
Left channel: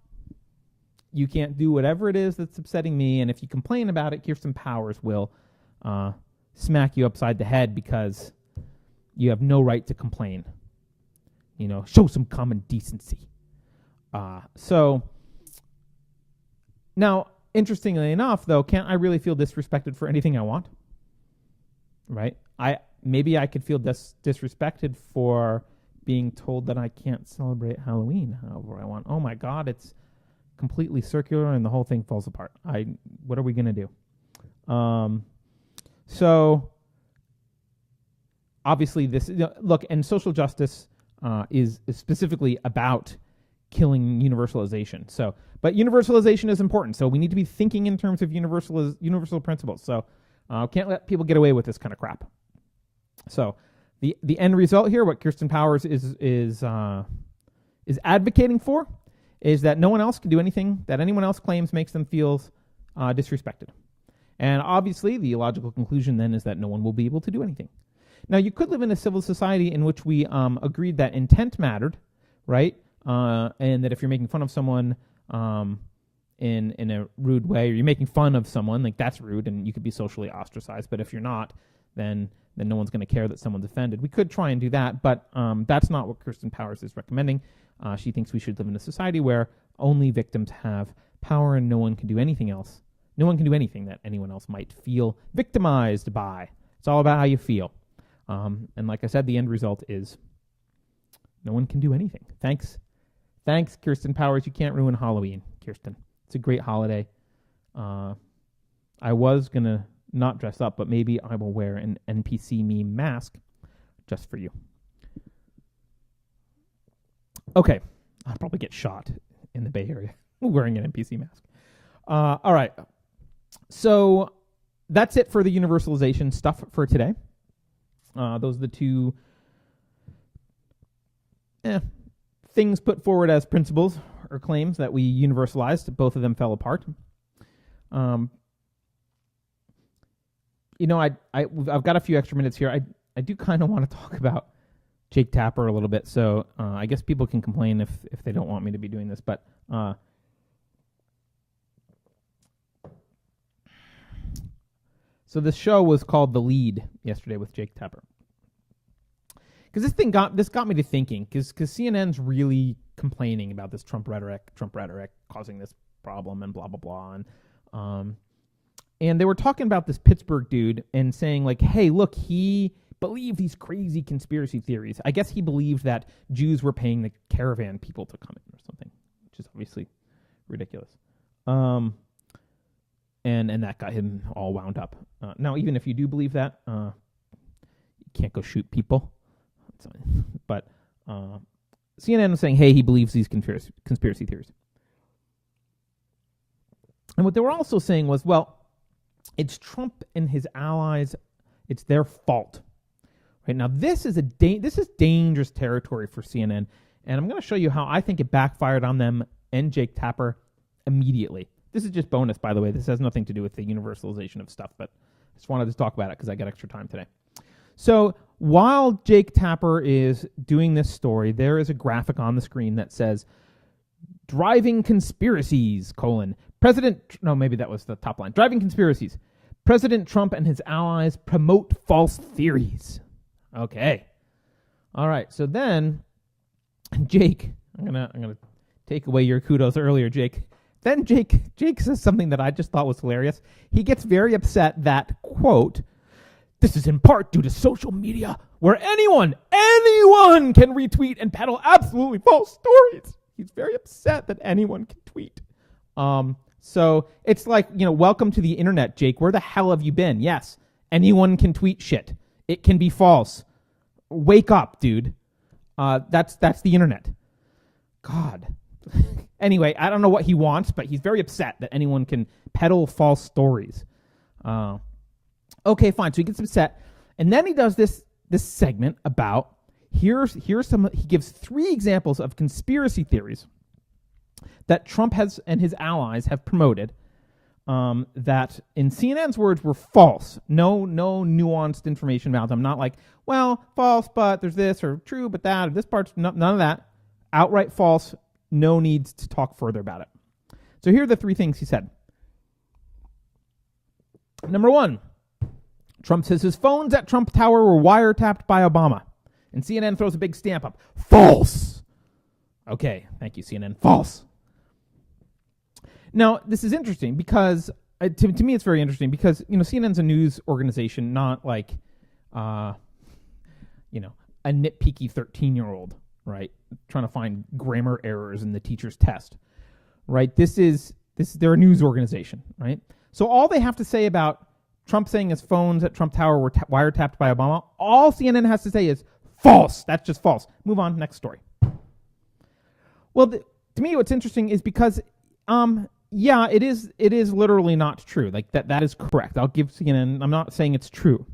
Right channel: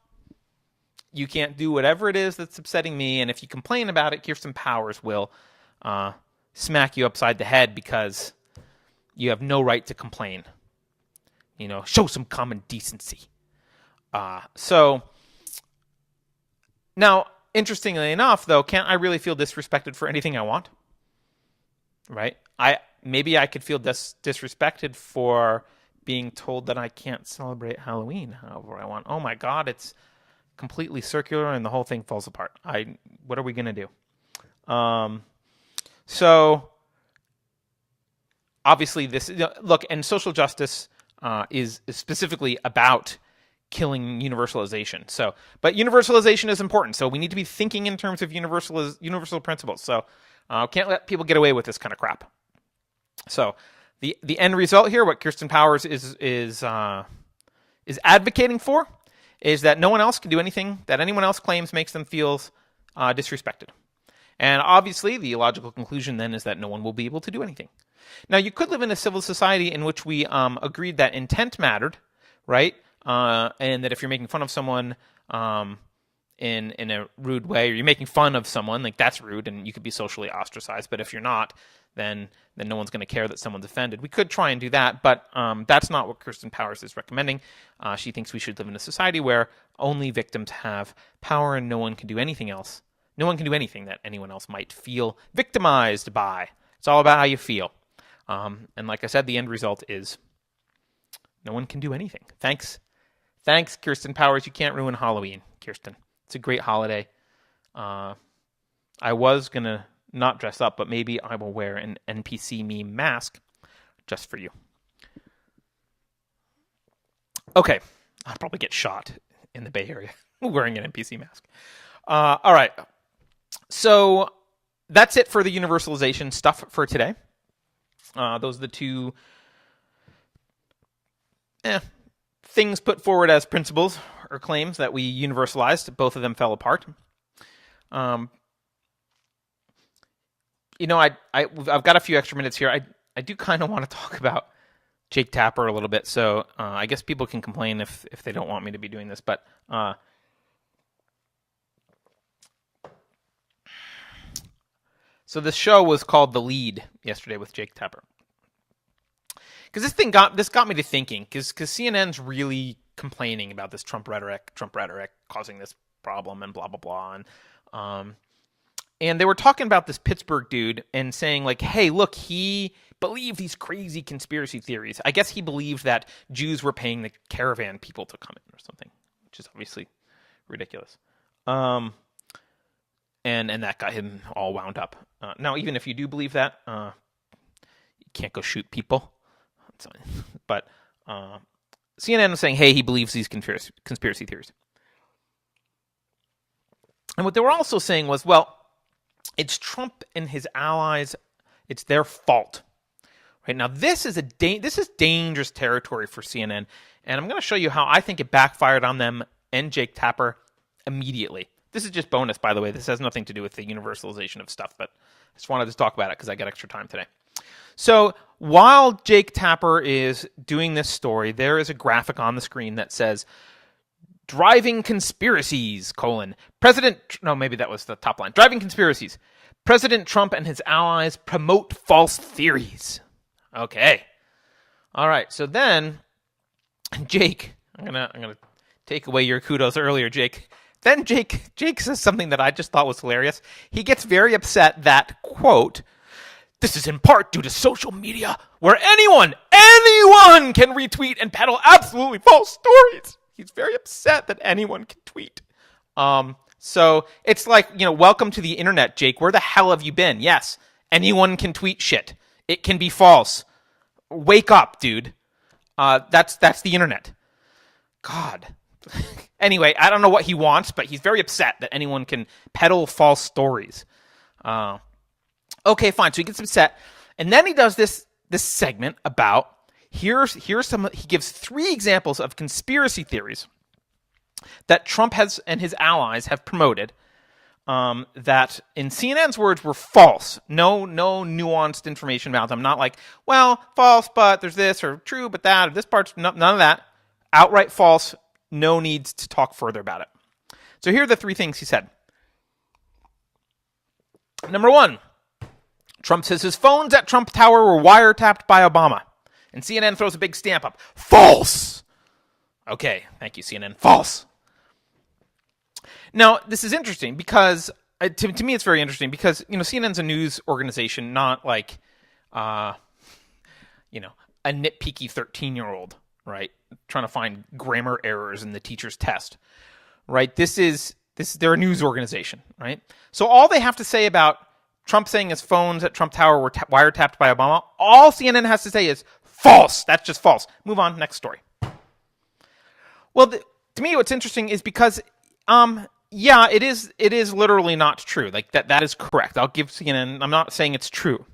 you can't do whatever it is that's upsetting me. And if you complain about it, Kirsten Powers will smack you upside the head because you have no right to complain. Show some common decency. So now, interestingly enough, though, can't I really feel disrespected for anything I want? Right? Maybe I could feel disrespected for being told that I can't celebrate Halloween however I want. Oh my God, it's completely circular and the whole thing falls apart. What are we going to do? So obviously this, look, and social justice is specifically about killing universalization. So, but universalization is important. So we need to be thinking in terms of universal principles. So can't let people get away with this kind of crap. So the end result here, what Kirsten Powers is advocating for, is that no one else can do anything that anyone else claims makes them feel disrespected. And obviously, the logical conclusion then is that no one will be able to do anything. Now, you could live in a civil society in which we agreed that intent mattered, right? And that if you're making fun of someone in a rude way, or you're making fun of someone, like that's rude, and you could be socially ostracized. But if you're not, then no one's going to care that someone's offended. We could try and do that, but that's not what Kirsten Powers is recommending. She thinks we should live in a society where only victims have power and no one can do anything else. No one can do anything that anyone else might feel victimized by. It's all about how you feel. And like I said, the end result is no one can do anything. Thanks, Kirsten Powers. You can't ruin Halloween, Kirsten. It's a great holiday. I was going to not dress up, but maybe I will wear an NPC meme mask just for you. Okay. I'll probably get shot in the Bay Area wearing an NPC mask. All right. So that's it for the universalization stuff for today. Those are the two things put forward as principles or claims that we universalized. Both of them fell apart. I've got a few extra minutes here. I do kind of want to talk about Jake Tapper a little bit. So I guess people can complain if they don't want me to be doing this. But so the show was called The Lead yesterday with Jake Tapper. Because this got me to thinking. Because CNN's really complaining about this Trump rhetoric causing this problem and blah blah blah. And they were talking about this Pittsburgh dude and saying like, hey, look, he believed these crazy conspiracy theories. I guess he believed that Jews were paying the caravan people to come in or something, which is obviously ridiculous. And that got him all wound up. Now, even if you do believe that, you can't go shoot people. But CNN was saying, hey, he believes these conspiracy theories. And what they were also saying was, well, it's Trump and his allies. It's their fault. Right now, this is dangerous territory for CNN, and I'm going to show you how I think it backfired on them and Jake Tapper immediately. This is just bonus, by the way. This has nothing to do with the universalization of stuff, but I just wanted to talk about it because I got extra time today. So while Jake Tapper is doing this story, there is a graphic on the screen that says, driving conspiracies, maybe that was the top line. Driving conspiracies. President Trump and his allies promote false theories. Okay. All right. So then, Jake, I'm gonna take away your kudos earlier, Jake. Then Jake says something that I just thought was hilarious. He gets very upset that, quote, this is in part due to social media where anyone can retweet and peddle absolutely false stories. He's very upset that anyone can tweet. So it's like, welcome to the internet, Jake. Where the hell have you been? Yes, anyone can tweet shit. It can be false. Wake up, dude. That's the internet. God. Anyway, I don't know what he wants, but he's very upset that anyone can peddle false stories. Okay, fine. So he gets upset, and then he does this segment about here's some. He gives 3 examples of conspiracy theories that Trump and his allies have promoted. That, in CNN's words, were false. No nuanced information about them. Not like, well, false, but there's this, or true, but that, or this part's none of that. Outright false. No need to talk further about it. So here are the 3 things he said. Number 1, Trump says his phones at Trump Tower were wiretapped by Obama. And CNN throws a big stamp up. False. Okay, thank you, CNN. False. Now, this is interesting because, to me, it's very interesting because, CNN's a news organization, not like, a nitpicky 13-year-old, right? Trying to find grammar errors in the teacher's test, right? They're a news organization, right? So all they have to say about Trump saying his phones at Trump Tower were wiretapped by Obama, all CNN has to say is false. That's just false. Move on. Next story. Well, to me, what's interesting is because, it is literally not true. Like that is correct. I'll give CNN. I'm not saying it's true,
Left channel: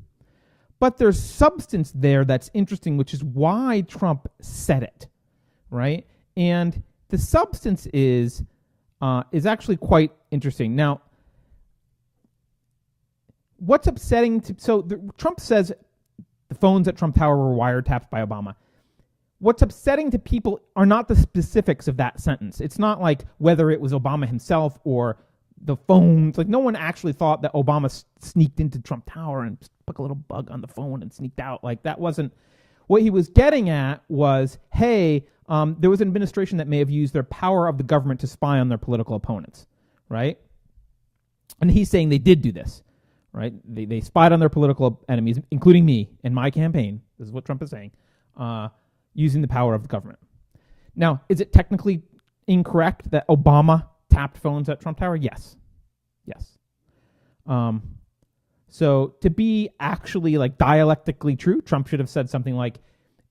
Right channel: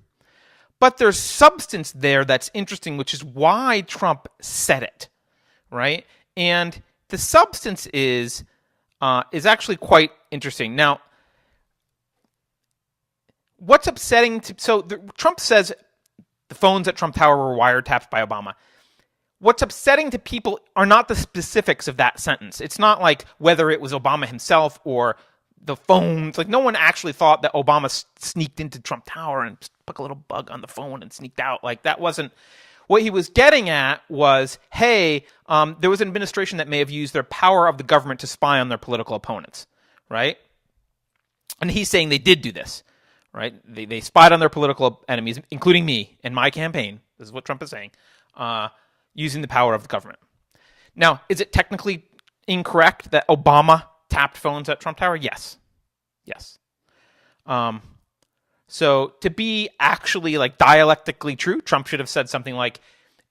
but there's substance there that's interesting, which is why Trump said it, right? And the substance is actually quite interesting. Now, what's upsetting? Trump says the phones at Trump Tower were wiretapped by Obama. What's upsetting to people are not the specifics of that sentence. It's not like whether it was Obama himself or the phones. Like, no one actually thought that Obama sneaked into Trump Tower and put a little bug on the phone and sneaked out. Like, that wasn't what he was getting at. Was, hey, there was an administration that may have used their power of the government to spy on their political opponents, right? And he's saying they did do this, right? They spied on their political enemies, including me and my campaign. This is what Trump is saying. Using the power of the government. Now, is it technically incorrect that Obama tapped phones at Trump Tower? Yes. So to be actually like dialectically true, Trump should have said something like,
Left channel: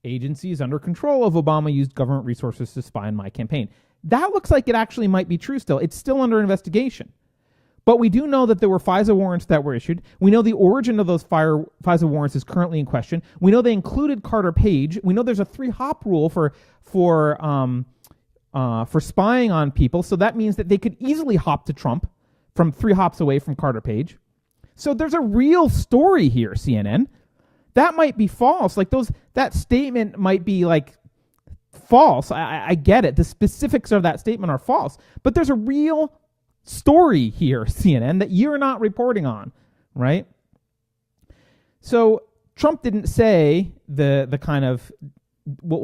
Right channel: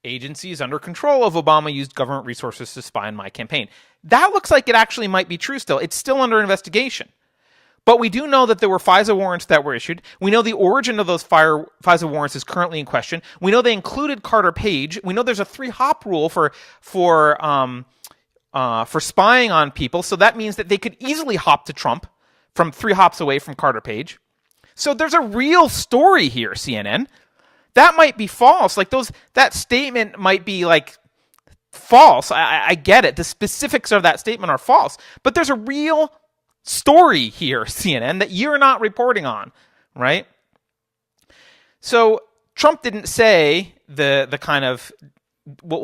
agencies under control of Obama used government resources to spy on my campaign. That looks like it actually might be true still. It's still under investigation. But we do know that there were FISA warrants that were issued. We know the origin of those FISA warrants is currently in question. We know they included Carter Page. We know there's a 3-hop rule for spying on people. So that means that they could easily hop to Trump from 3 hops away from Carter Page. So there's a real story here, CNN. That might be false. Like that statement might be like false. I get it. The specifics of that statement are false. But there's a real story here, CNN, that you're not reporting on, right? So Trump didn't say the kind of what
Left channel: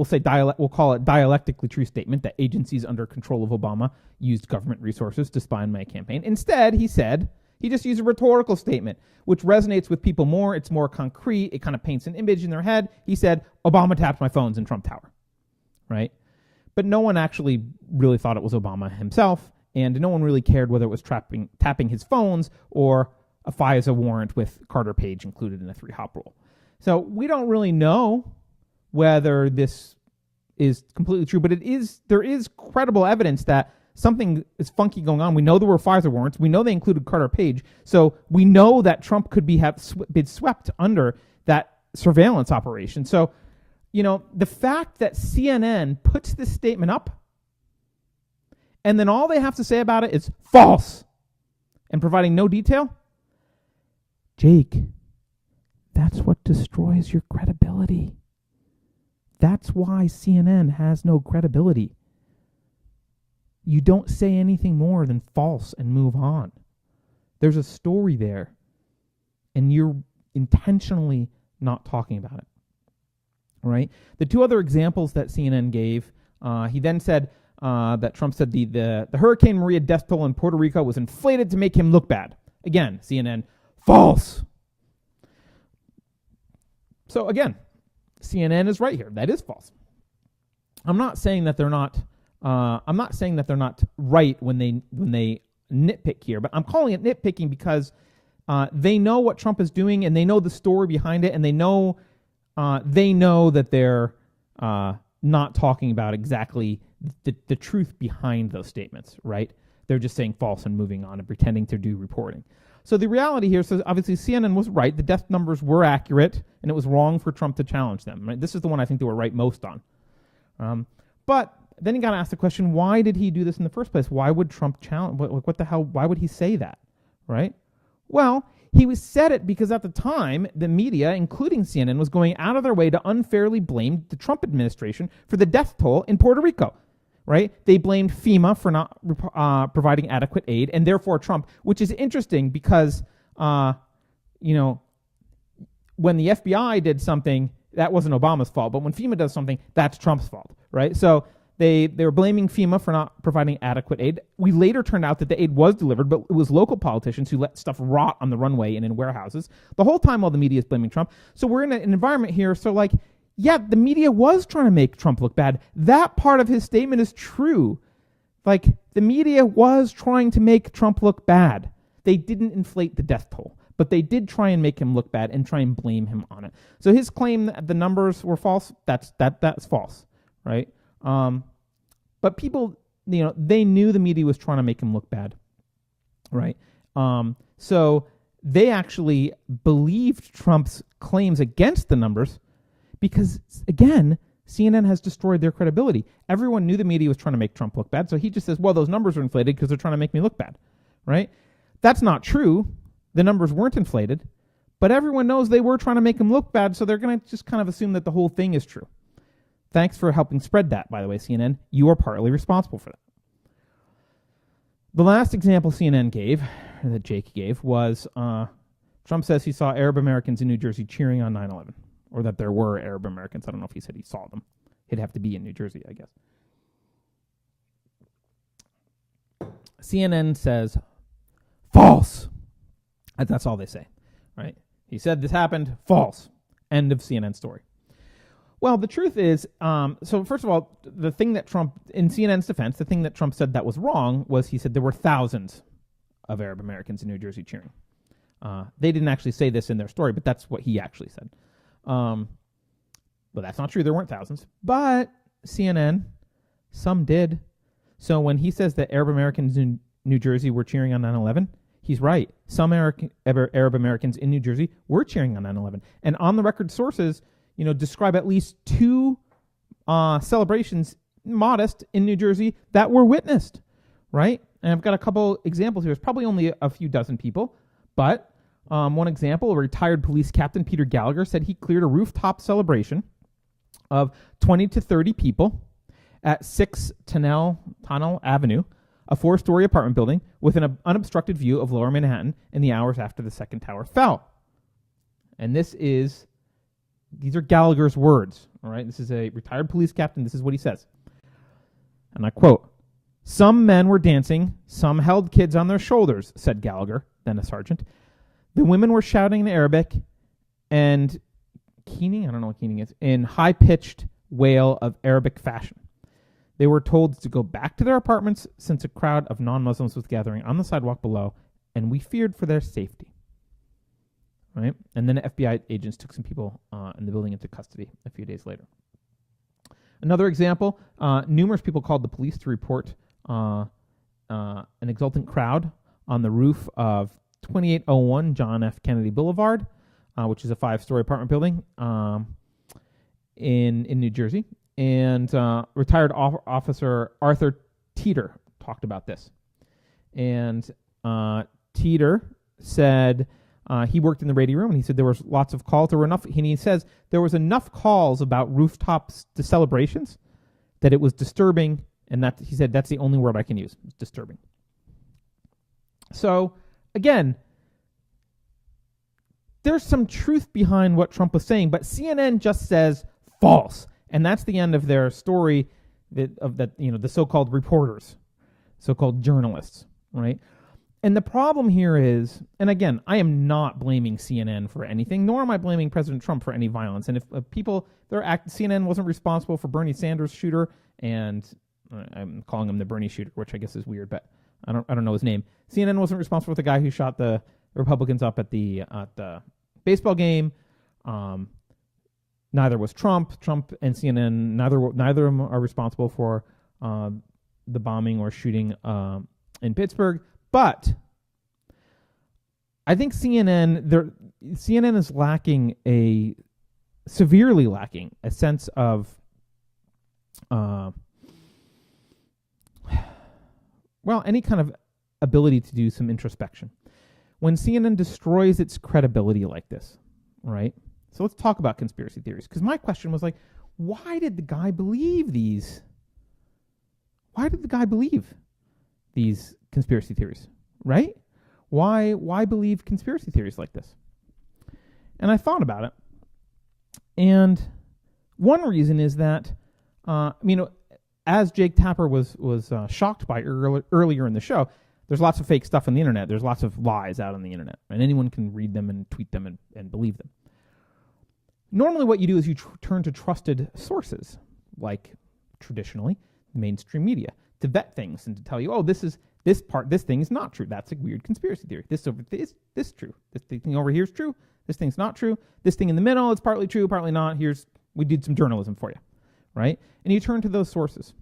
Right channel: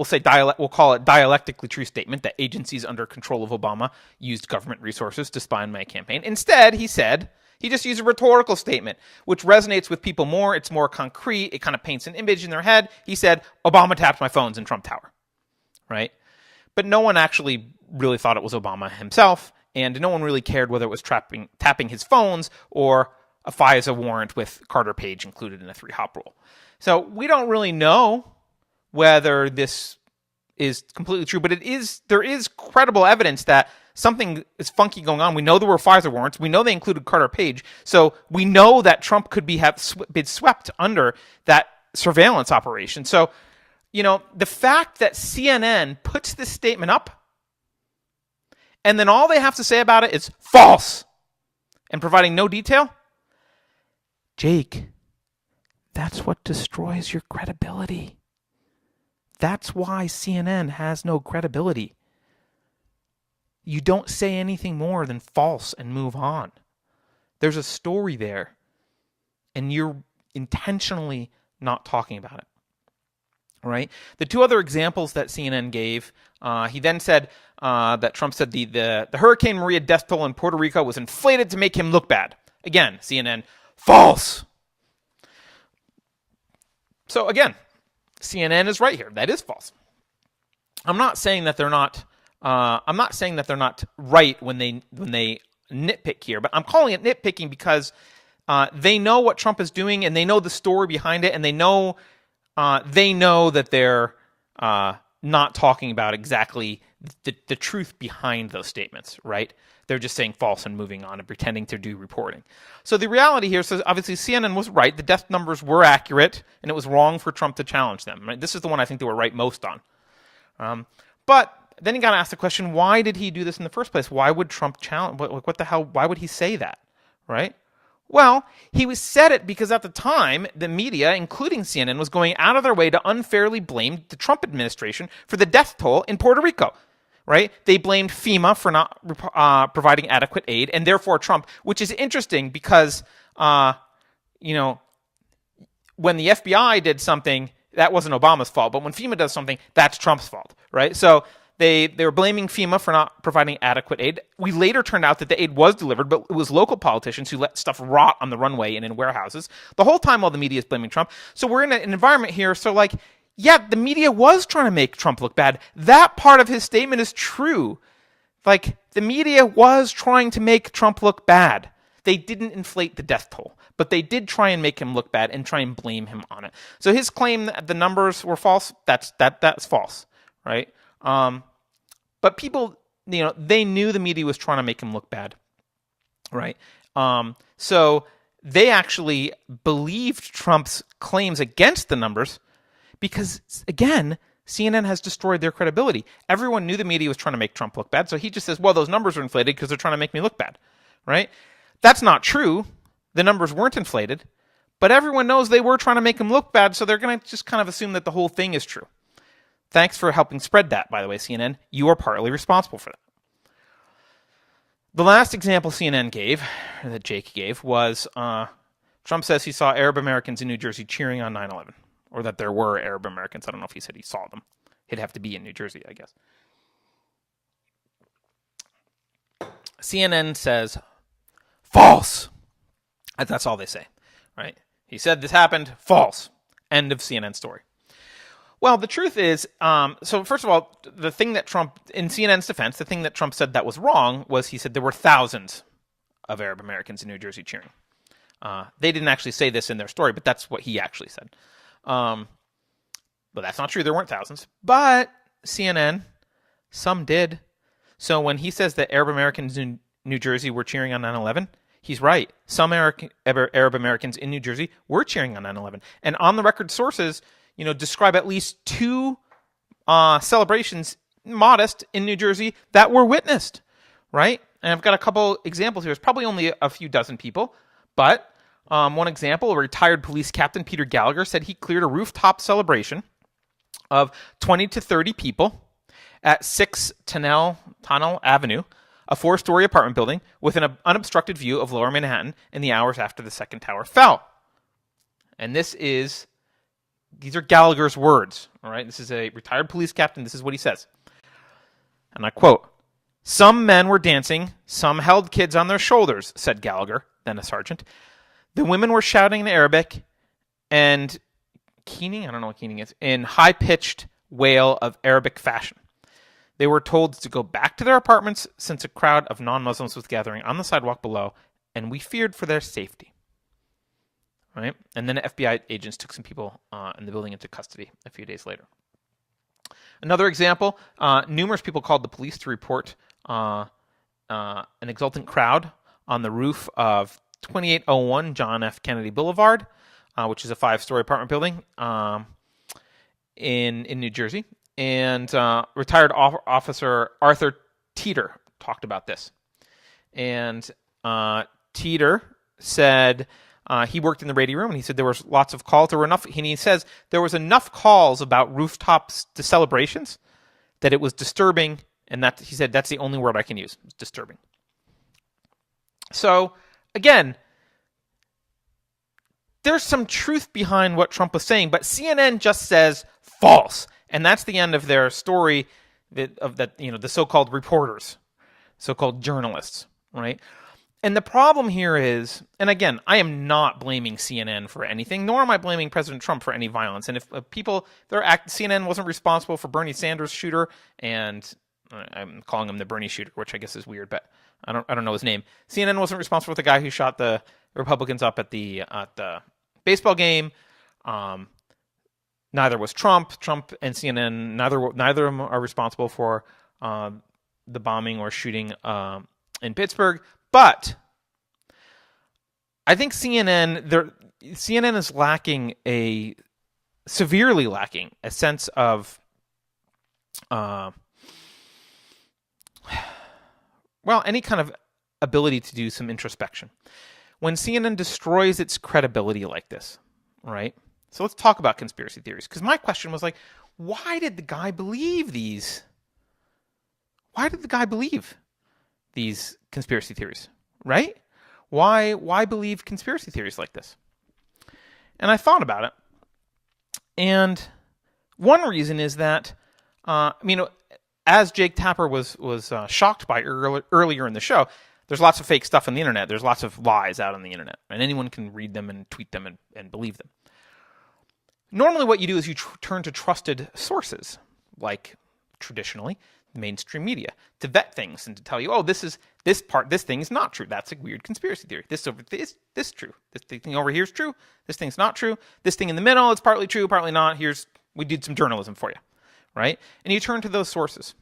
we'll call it dialectically true statement that agencies under control of Obama used government resources to spy on my campaign. Instead, he just used a rhetorical statement, which resonates with people more. It's more concrete. It kind of paints an image in their head. He said, Obama tapped my phones in Trump Tower, right? But no one actually really thought it was Obama himself, and no one really cared whether it was tapping his phones or a FISA warrant with Carter Page included in a 3-hop rule. So we don't really know whether this is completely true, but there is credible evidence that something is funky going on. We know there were FISA warrants. We know they included Carter Page. So we know that Trump could have been swept under that surveillance operation. So, the fact that CNN puts this statement up and then all they have to say about it is false and providing no detail, Jake, that's what destroys your credibility. That's why CNN has no credibility. You don't say anything more than false and move on. There's a story there, and you're intentionally not talking about it. All right? The 2 other examples that CNN gave, he then said that Trump said the Hurricane Maria death toll in Puerto Rico was inflated to make him look bad. Again, CNN, false. So again, CNN is right here. That is false. I'm not saying that they're not. I'm not saying that they're not right when they nitpick here, but I'm calling it nitpicking because they know what Trump is doing and they know the story behind it, and they know that they're not talking about exactly the truth behind those statements, right? They're just saying false and moving on and pretending to do reporting. So the reality here is obviously CNN was right. The death numbers were accurate, and it was wrong for Trump to challenge them. Right? This is the one I think they were right most on. But then you got to ask the question, why did he do this in the first place? Why would Trump challenge? What the hell? Why would he say that, right? Well, he said it because at the time, the media, including CNN, was going out of their way to unfairly blame the Trump administration for the death toll in Puerto Rico, right? They blamed FEMA for not providing adequate aid, and therefore Trump, which is interesting because, when the FBI did something, that wasn't Obama's fault, but when FEMA does something, that's Trump's fault, right? So they were blaming FEMA for not providing adequate aid. We later turned out that the aid was delivered, but it was local politicians who let stuff rot on the runway and in warehouses the whole time while the media is blaming Trump. So we're in an environment here, so the media was trying to make Trump look bad. That part of his statement is true. The media was trying to make Trump look bad. They didn't inflate the death toll, but they did try and make him look bad and try and blame him on it. So his claim that the numbers were false, that's false, right? But people, they knew the media was trying to make him look bad, right? So they actually believed Trump's claims against the numbers because, again, CNN has destroyed their credibility. Everyone knew the media was trying to make Trump look bad, so he just says, well, those numbers are inflated because they're trying to make me look bad, right? That's not true. The numbers weren't inflated, but everyone knows they were trying to make him look bad, so they're going to just kind of assume that the whole thing is true. Thanks for helping spread that, by the way, CNN. You are partly responsible for that. The last example CNN gave, that Jake gave, was Trump says he saw Arab Americans in New Jersey cheering on 9/11, or that there were Arab Americans. I don't know if he said he saw them. He'd have to be in New Jersey, I guess. CNN says, false. That's all they say, right? He said this happened, false. End of CNN story. Well, the truth is, so first of all, the thing that Trump, in CNN's defense, the thing that Trump said that was wrong was he said there were thousands of Arab Americans in New Jersey cheering. They didn't actually say this in their story, but that's what he actually said. But that's not true. There weren't thousands. But CNN, some did. So when he says that Arab Americans in New Jersey were cheering on 9/11, he's right. Some Arab Americans in New Jersey were cheering on 9/11. And on the record sources, describe at least 2 celebrations, modest, in New Jersey that were witnessed, right? And I've got a couple examples here. It's probably only a few dozen people, but one example, a retired police captain, Peter Gallagher, said he cleared a rooftop celebration of 20 to 30 people at 6 Tunnel Avenue, a 4-story apartment building with an unobstructed view of Lower Manhattan in the hours after the second tower fell. And this is these are Gallagher's words. All right, this is a retired police captain. This is what he says, and I quote: "Some men were dancing, some held kids on their shoulders," said Gallagher, then a sergeant. "The women were shouting in Arabic and keening, I don't know what keening is, in high-pitched wail of Arabic fashion. They were told to go back to their apartments since a crowd of non-Muslims was gathering on the sidewalk below, and we feared for their safety." Right? And then the FBI agents took some people in the building into custody a few days later. Another example, numerous people called the police to report an exultant crowd on the roof of 2801 John F. Kennedy Boulevard, which is a 5-story apartment building in New Jersey. And retired officer Arthur Teeter talked about this. And Teeter said he worked in the radio room, and he said there was lots of calls. There were enough, and he says there was enough calls about rooftops to celebrations that it was disturbing, and that he said that's the only word I can use. It's disturbing. So again, there's some truth behind what Trump was saying, but CNN just says false, and that's the end of their story of the so-called reporters, so-called journalists, right? And the problem here is, and again, I am not blaming CNN for anything, nor am I blaming President Trump for any violence. And if CNN wasn't responsible for Bernie Sanders' shooter, and I'm calling him the Bernie shooter, which I guess is weird, but I don't know his name. CNN wasn't responsible for the guy who shot the Republicans up at the baseball game. Neither was Trump. Trump and CNN, neither of them are responsible for the bombing or shooting in Pittsburgh. But I think CNN is severely lacking a sense of, any kind of ability to do some introspection. When CNN destroys its credibility like this, right? So let's talk about conspiracy theories. Because my question was like, why did the guy believe these? Why did the guy believe these conspiracy theories, right? Why believe conspiracy theories like this? And I thought about it. And one reason is that, as Jake Tapper was shocked by earlier in the show, there's lots of fake stuff on the internet. There's lots of lies out on the internet, and anyone can read them and tweet them and believe them. Normally what you do is you turn to trusted sources, like traditionally mainstream media, to vet things and to tell you, this thing is not true. That's a weird conspiracy theory. This is true. This thing over here is true. This thing's not true. This thing in the middle, it's partly true, partly not. We did some journalism for you, right? And you turn to those sources.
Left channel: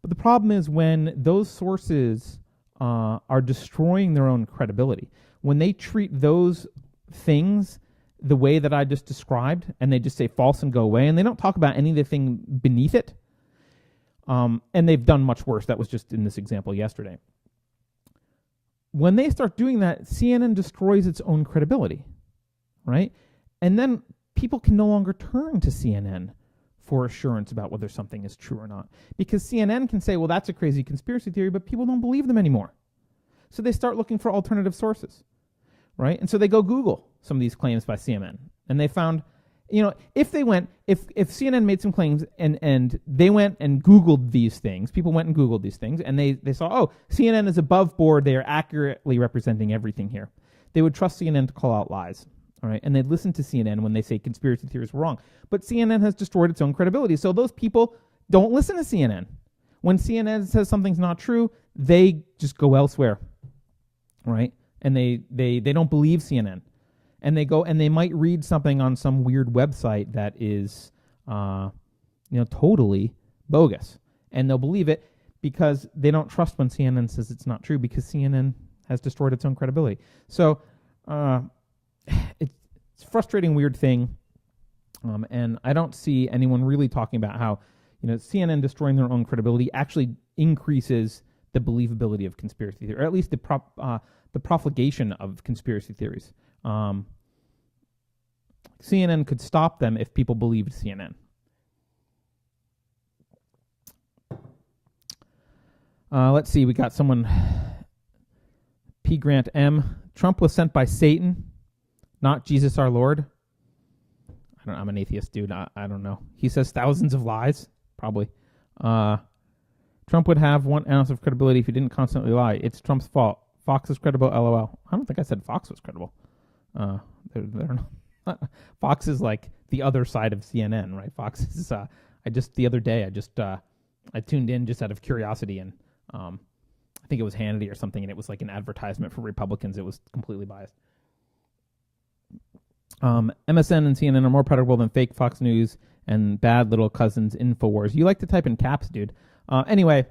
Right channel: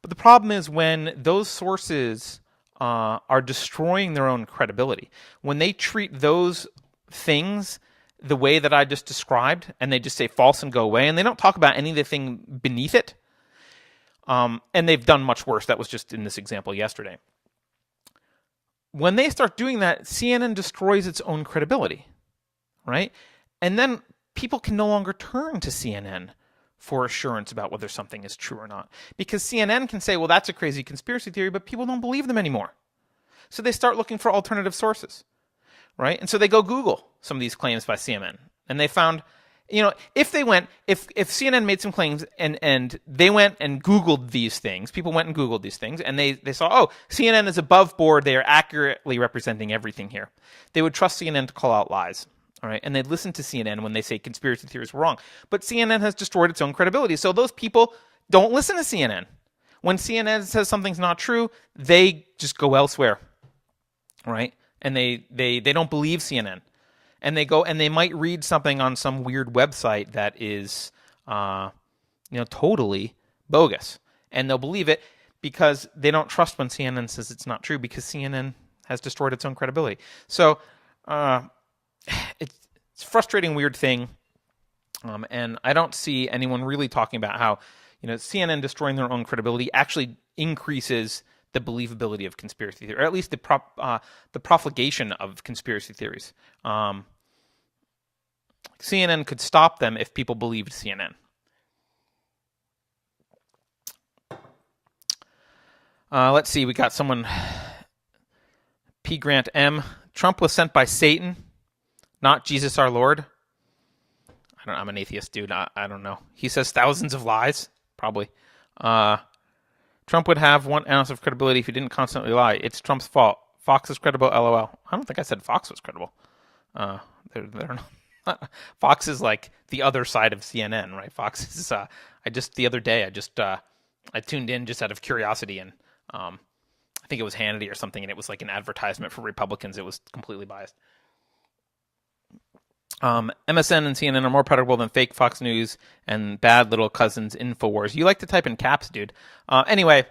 But the problem is when those sources are destroying their own credibility, when they treat those things the way that I just described, and they just say false and go away, and they don't talk about any of the thing beneath it, and they've done much worse. That was just in this example yesterday. When they start doing that, CNN destroys its own credibility, right? And then people can no longer turn to CNN for assurance about whether something is true or not. Because CNN can say, well, that's a crazy conspiracy theory, but people don't believe them anymore. So they start looking for alternative sources, right? And so they go Google some of these claims by CNN. And they found, if CNN made some claims and they went and Googled these things, people went and Googled these things, and they saw, CNN is above board, they are accurately representing everything here. They would trust CNN to call out lies. All right, and they'd listen to CNN when they say conspiracy theories were wrong. But CNN has destroyed its own credibility. So those people don't listen to CNN. When CNN says something's not true, they just go elsewhere. Right? And they don't believe CNN. And they go and they might read something on some weird website that is totally bogus. And they'll believe it because they don't trust when CNN says it's not true, because CNN has destroyed its own credibility. So it's a frustrating, weird thing, and I don't see anyone really talking about how CNN destroying their own credibility actually increases the believability of conspiracy theory, or at least the propagation of conspiracy theories. CNN could stop them if people believed CNN. Let's see, we got someone, P. Grant M. Trump was sent by Satan, not Jesus our Lord. I'm an atheist, dude. I don't know. He says thousands of lies, probably. Trump would have 1 ounce of credibility if he didn't constantly lie. It's Trump's fault. Fox is credible, LOL. I don't think I said Fox was credible. They're not. Fox is like the other side of CNN, right? Fox is. The other day I tuned in just out of curiosity, and I think it was Hannity or something, and it was like an advertisement for Republicans. It was completely biased. MSN and CNN are more predictable than fake Fox News and bad little cousins InfoWars. You like to type in caps, dude. Anyway,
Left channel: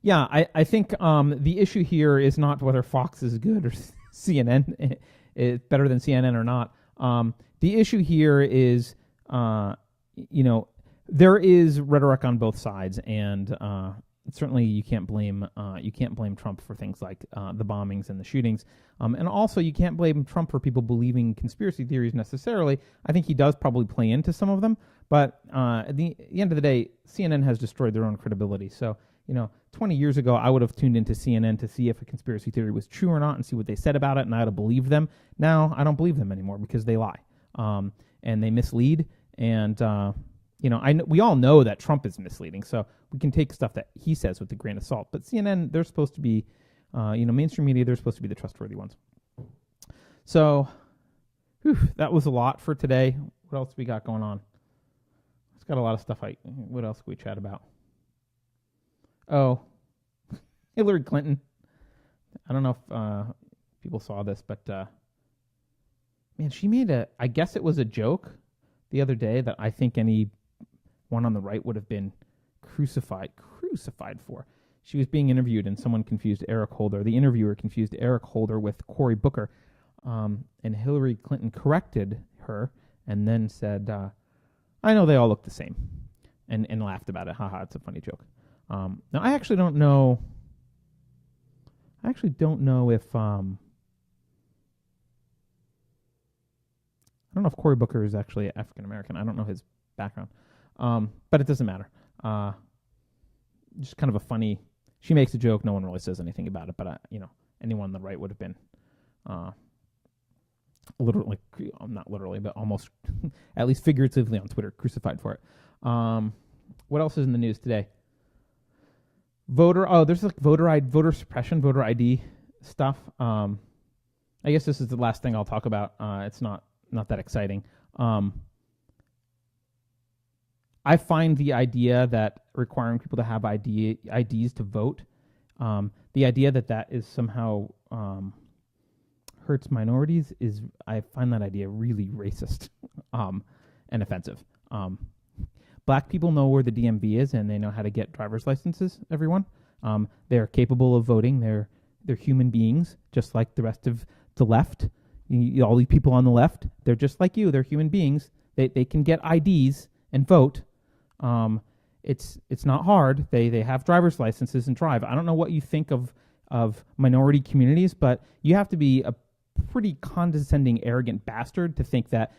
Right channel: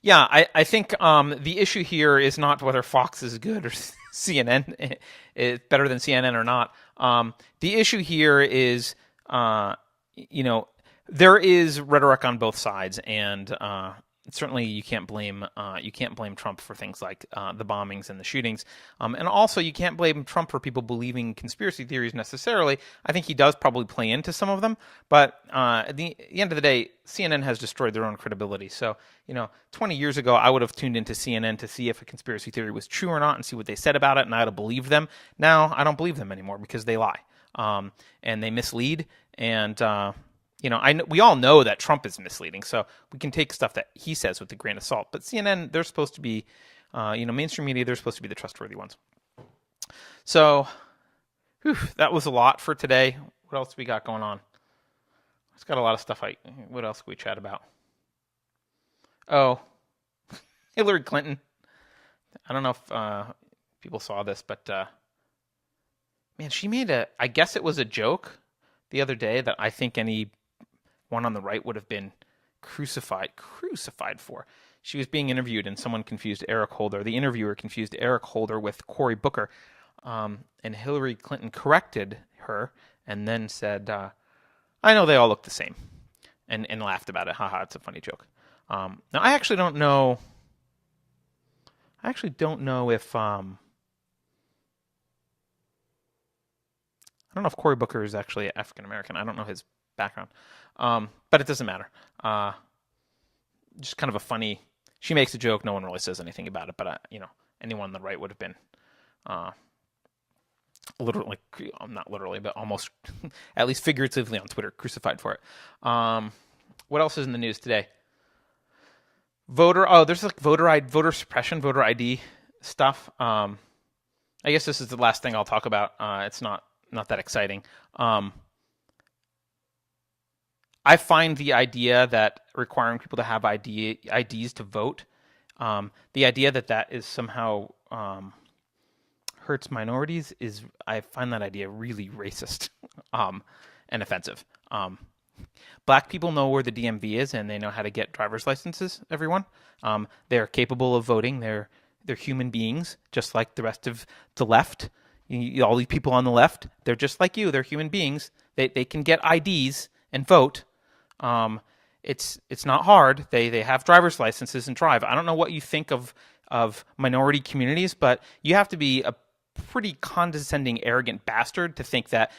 yeah, I think the issue here is not whether Fox is good or CNN is better than CNN or not. The issue here is, there is rhetoric on both sides, and certainly you can't blame Trump for things like the bombings and the shootings, and also you can't blame Trump for people believing conspiracy theories necessarily. I think he does probably play into some of them, but at the end of the day, CNN has destroyed their own credibility. So 20 years ago, I would have tuned into CNN to see if a conspiracy theory was true or not and see what they said about it, and I'd have believed them. Now I don't believe them anymore because they lie, and they mislead, and we all know that Trump is misleading, so we can take stuff that he says with a grain of salt. But CNN, they're supposed to be, mainstream media, they're supposed to be the trustworthy ones. So, that was a lot for today. What else we got going on? It's got a lot of stuff. What else can we chat about? Oh, Hillary Clinton. I don't know if people saw this, but man, she made I guess it was a joke the other day that I think anyone on the right would have been crucified for. She was being interviewed, and someone confused Eric Holder. The interviewer confused Eric Holder with Cory Booker, and Hillary Clinton corrected her and then said, I know they all look the same, and laughed about it. Haha, it's a funny joke. Now, I actually don't know if I don't know if Cory Booker is actually African American. I don't know his background, but it doesn't matter. Just kind of a funny. She makes a joke. No one really says anything about it, but anyone on the right would have been, literally, not literally, but almost, at least figuratively on Twitter, crucified for it. What else is in the news today? There's like voter suppression, voter ID stuff. I guess this is the last thing I'll talk about. It's not that exciting. I find the idea that requiring people to have IDs to vote, the idea that is somehow hurts minorities I find that idea really racist and offensive. Black people know where the DMV is, and they know how to get driver's licenses, everyone. They're capable of voting. They're human beings, just like the rest of the left. All these people on the left, they're just like you. They're human beings. They can get IDs and vote. It's not hard. They have driver's licenses and drive. I don't know what you think of minority communities, but you have to be a pretty condescending, arrogant bastard to think that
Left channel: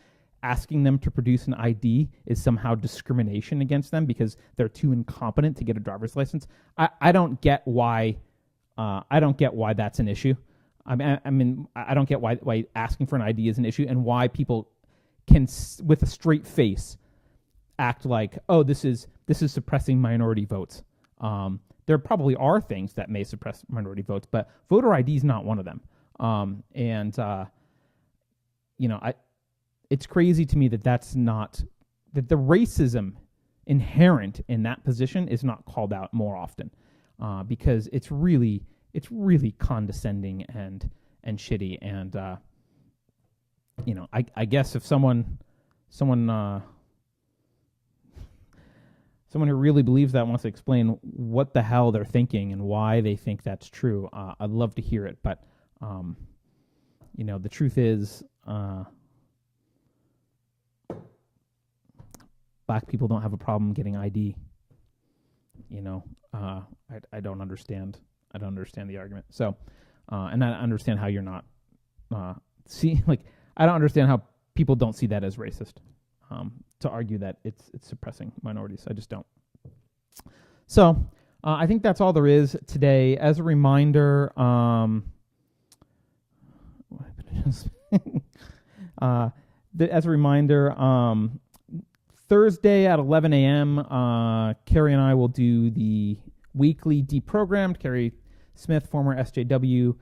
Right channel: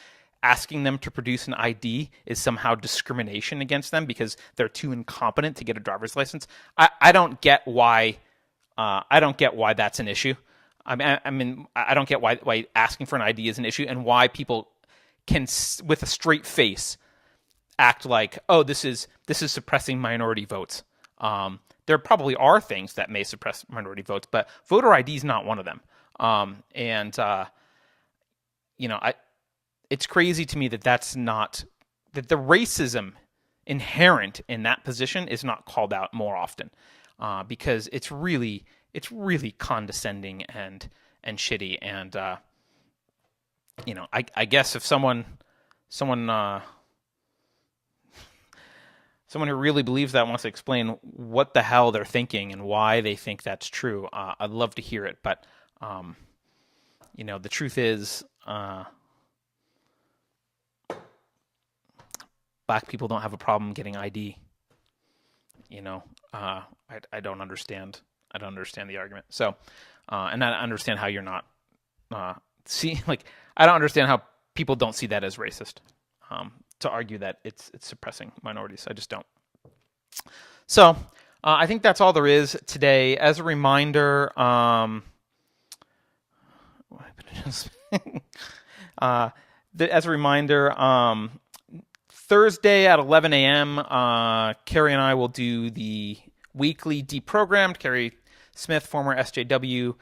asking them to produce an ID is somehow discrimination against them because they're too incompetent to get a driver's license. I don't get why. I don't get why that's an issue. I don't get why asking for an ID is an issue, and why people can, with a straight face, act like, oh, this is suppressing minority votes. There probably are things that may suppress minority votes, but voter ID is not one of them. It's crazy to me that that the racism inherent in that position is not called out more often, because it's really condescending and shitty. And I guess if someone who really believes that wants to explain what the hell they're thinking and why they think that's true, I'd love to hear it. But the truth is, black people don't have a problem getting ID. I don't understand. I don't understand the argument. So, and I understand how you're not I don't understand how people don't see that as racist. To argue that it's suppressing minorities, I just don't. So, I think that's all there is today. As a reminder, as a reminder, Thursday at 11 a.m., Carrie and I will do the weekly Deprogrammed. Carrie Smith, former SJW.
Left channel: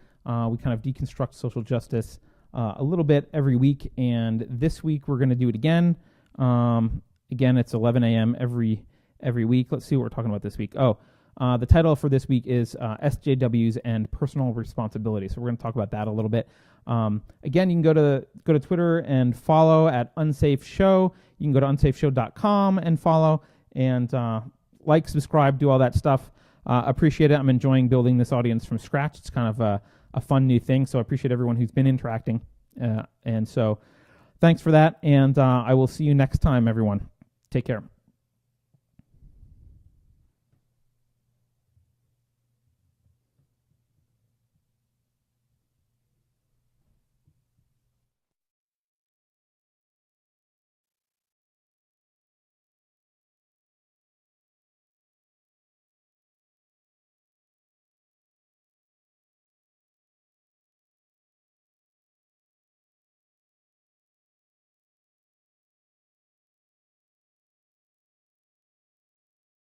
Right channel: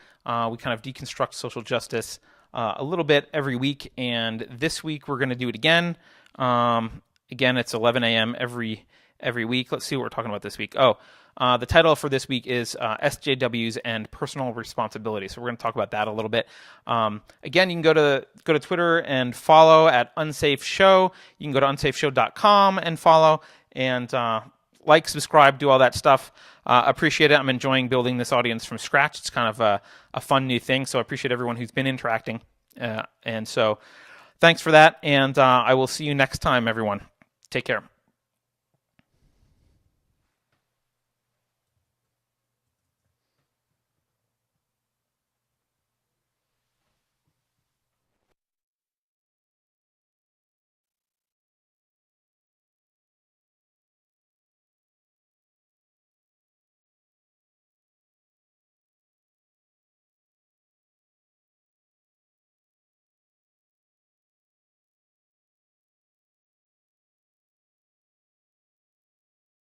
We kind of deconstruct social justice a little bit every week, and this week we're going to do it again. Again, it's 11 a.m. every week. Let's see what we're talking about this week. The title for this week is SJWs and Personal Responsibility. So we're going to talk about that a little bit. Again, you can go to Twitter and follow at Unsafe Show. You can go to unsafeshow.com and follow and like, subscribe, do all that stuff. Appreciate it. I'm enjoying building this audience from scratch. It's kind of a fun new thing. So I appreciate everyone who's been interacting. And so thanks for that. And I will see you next time, everyone. Take care.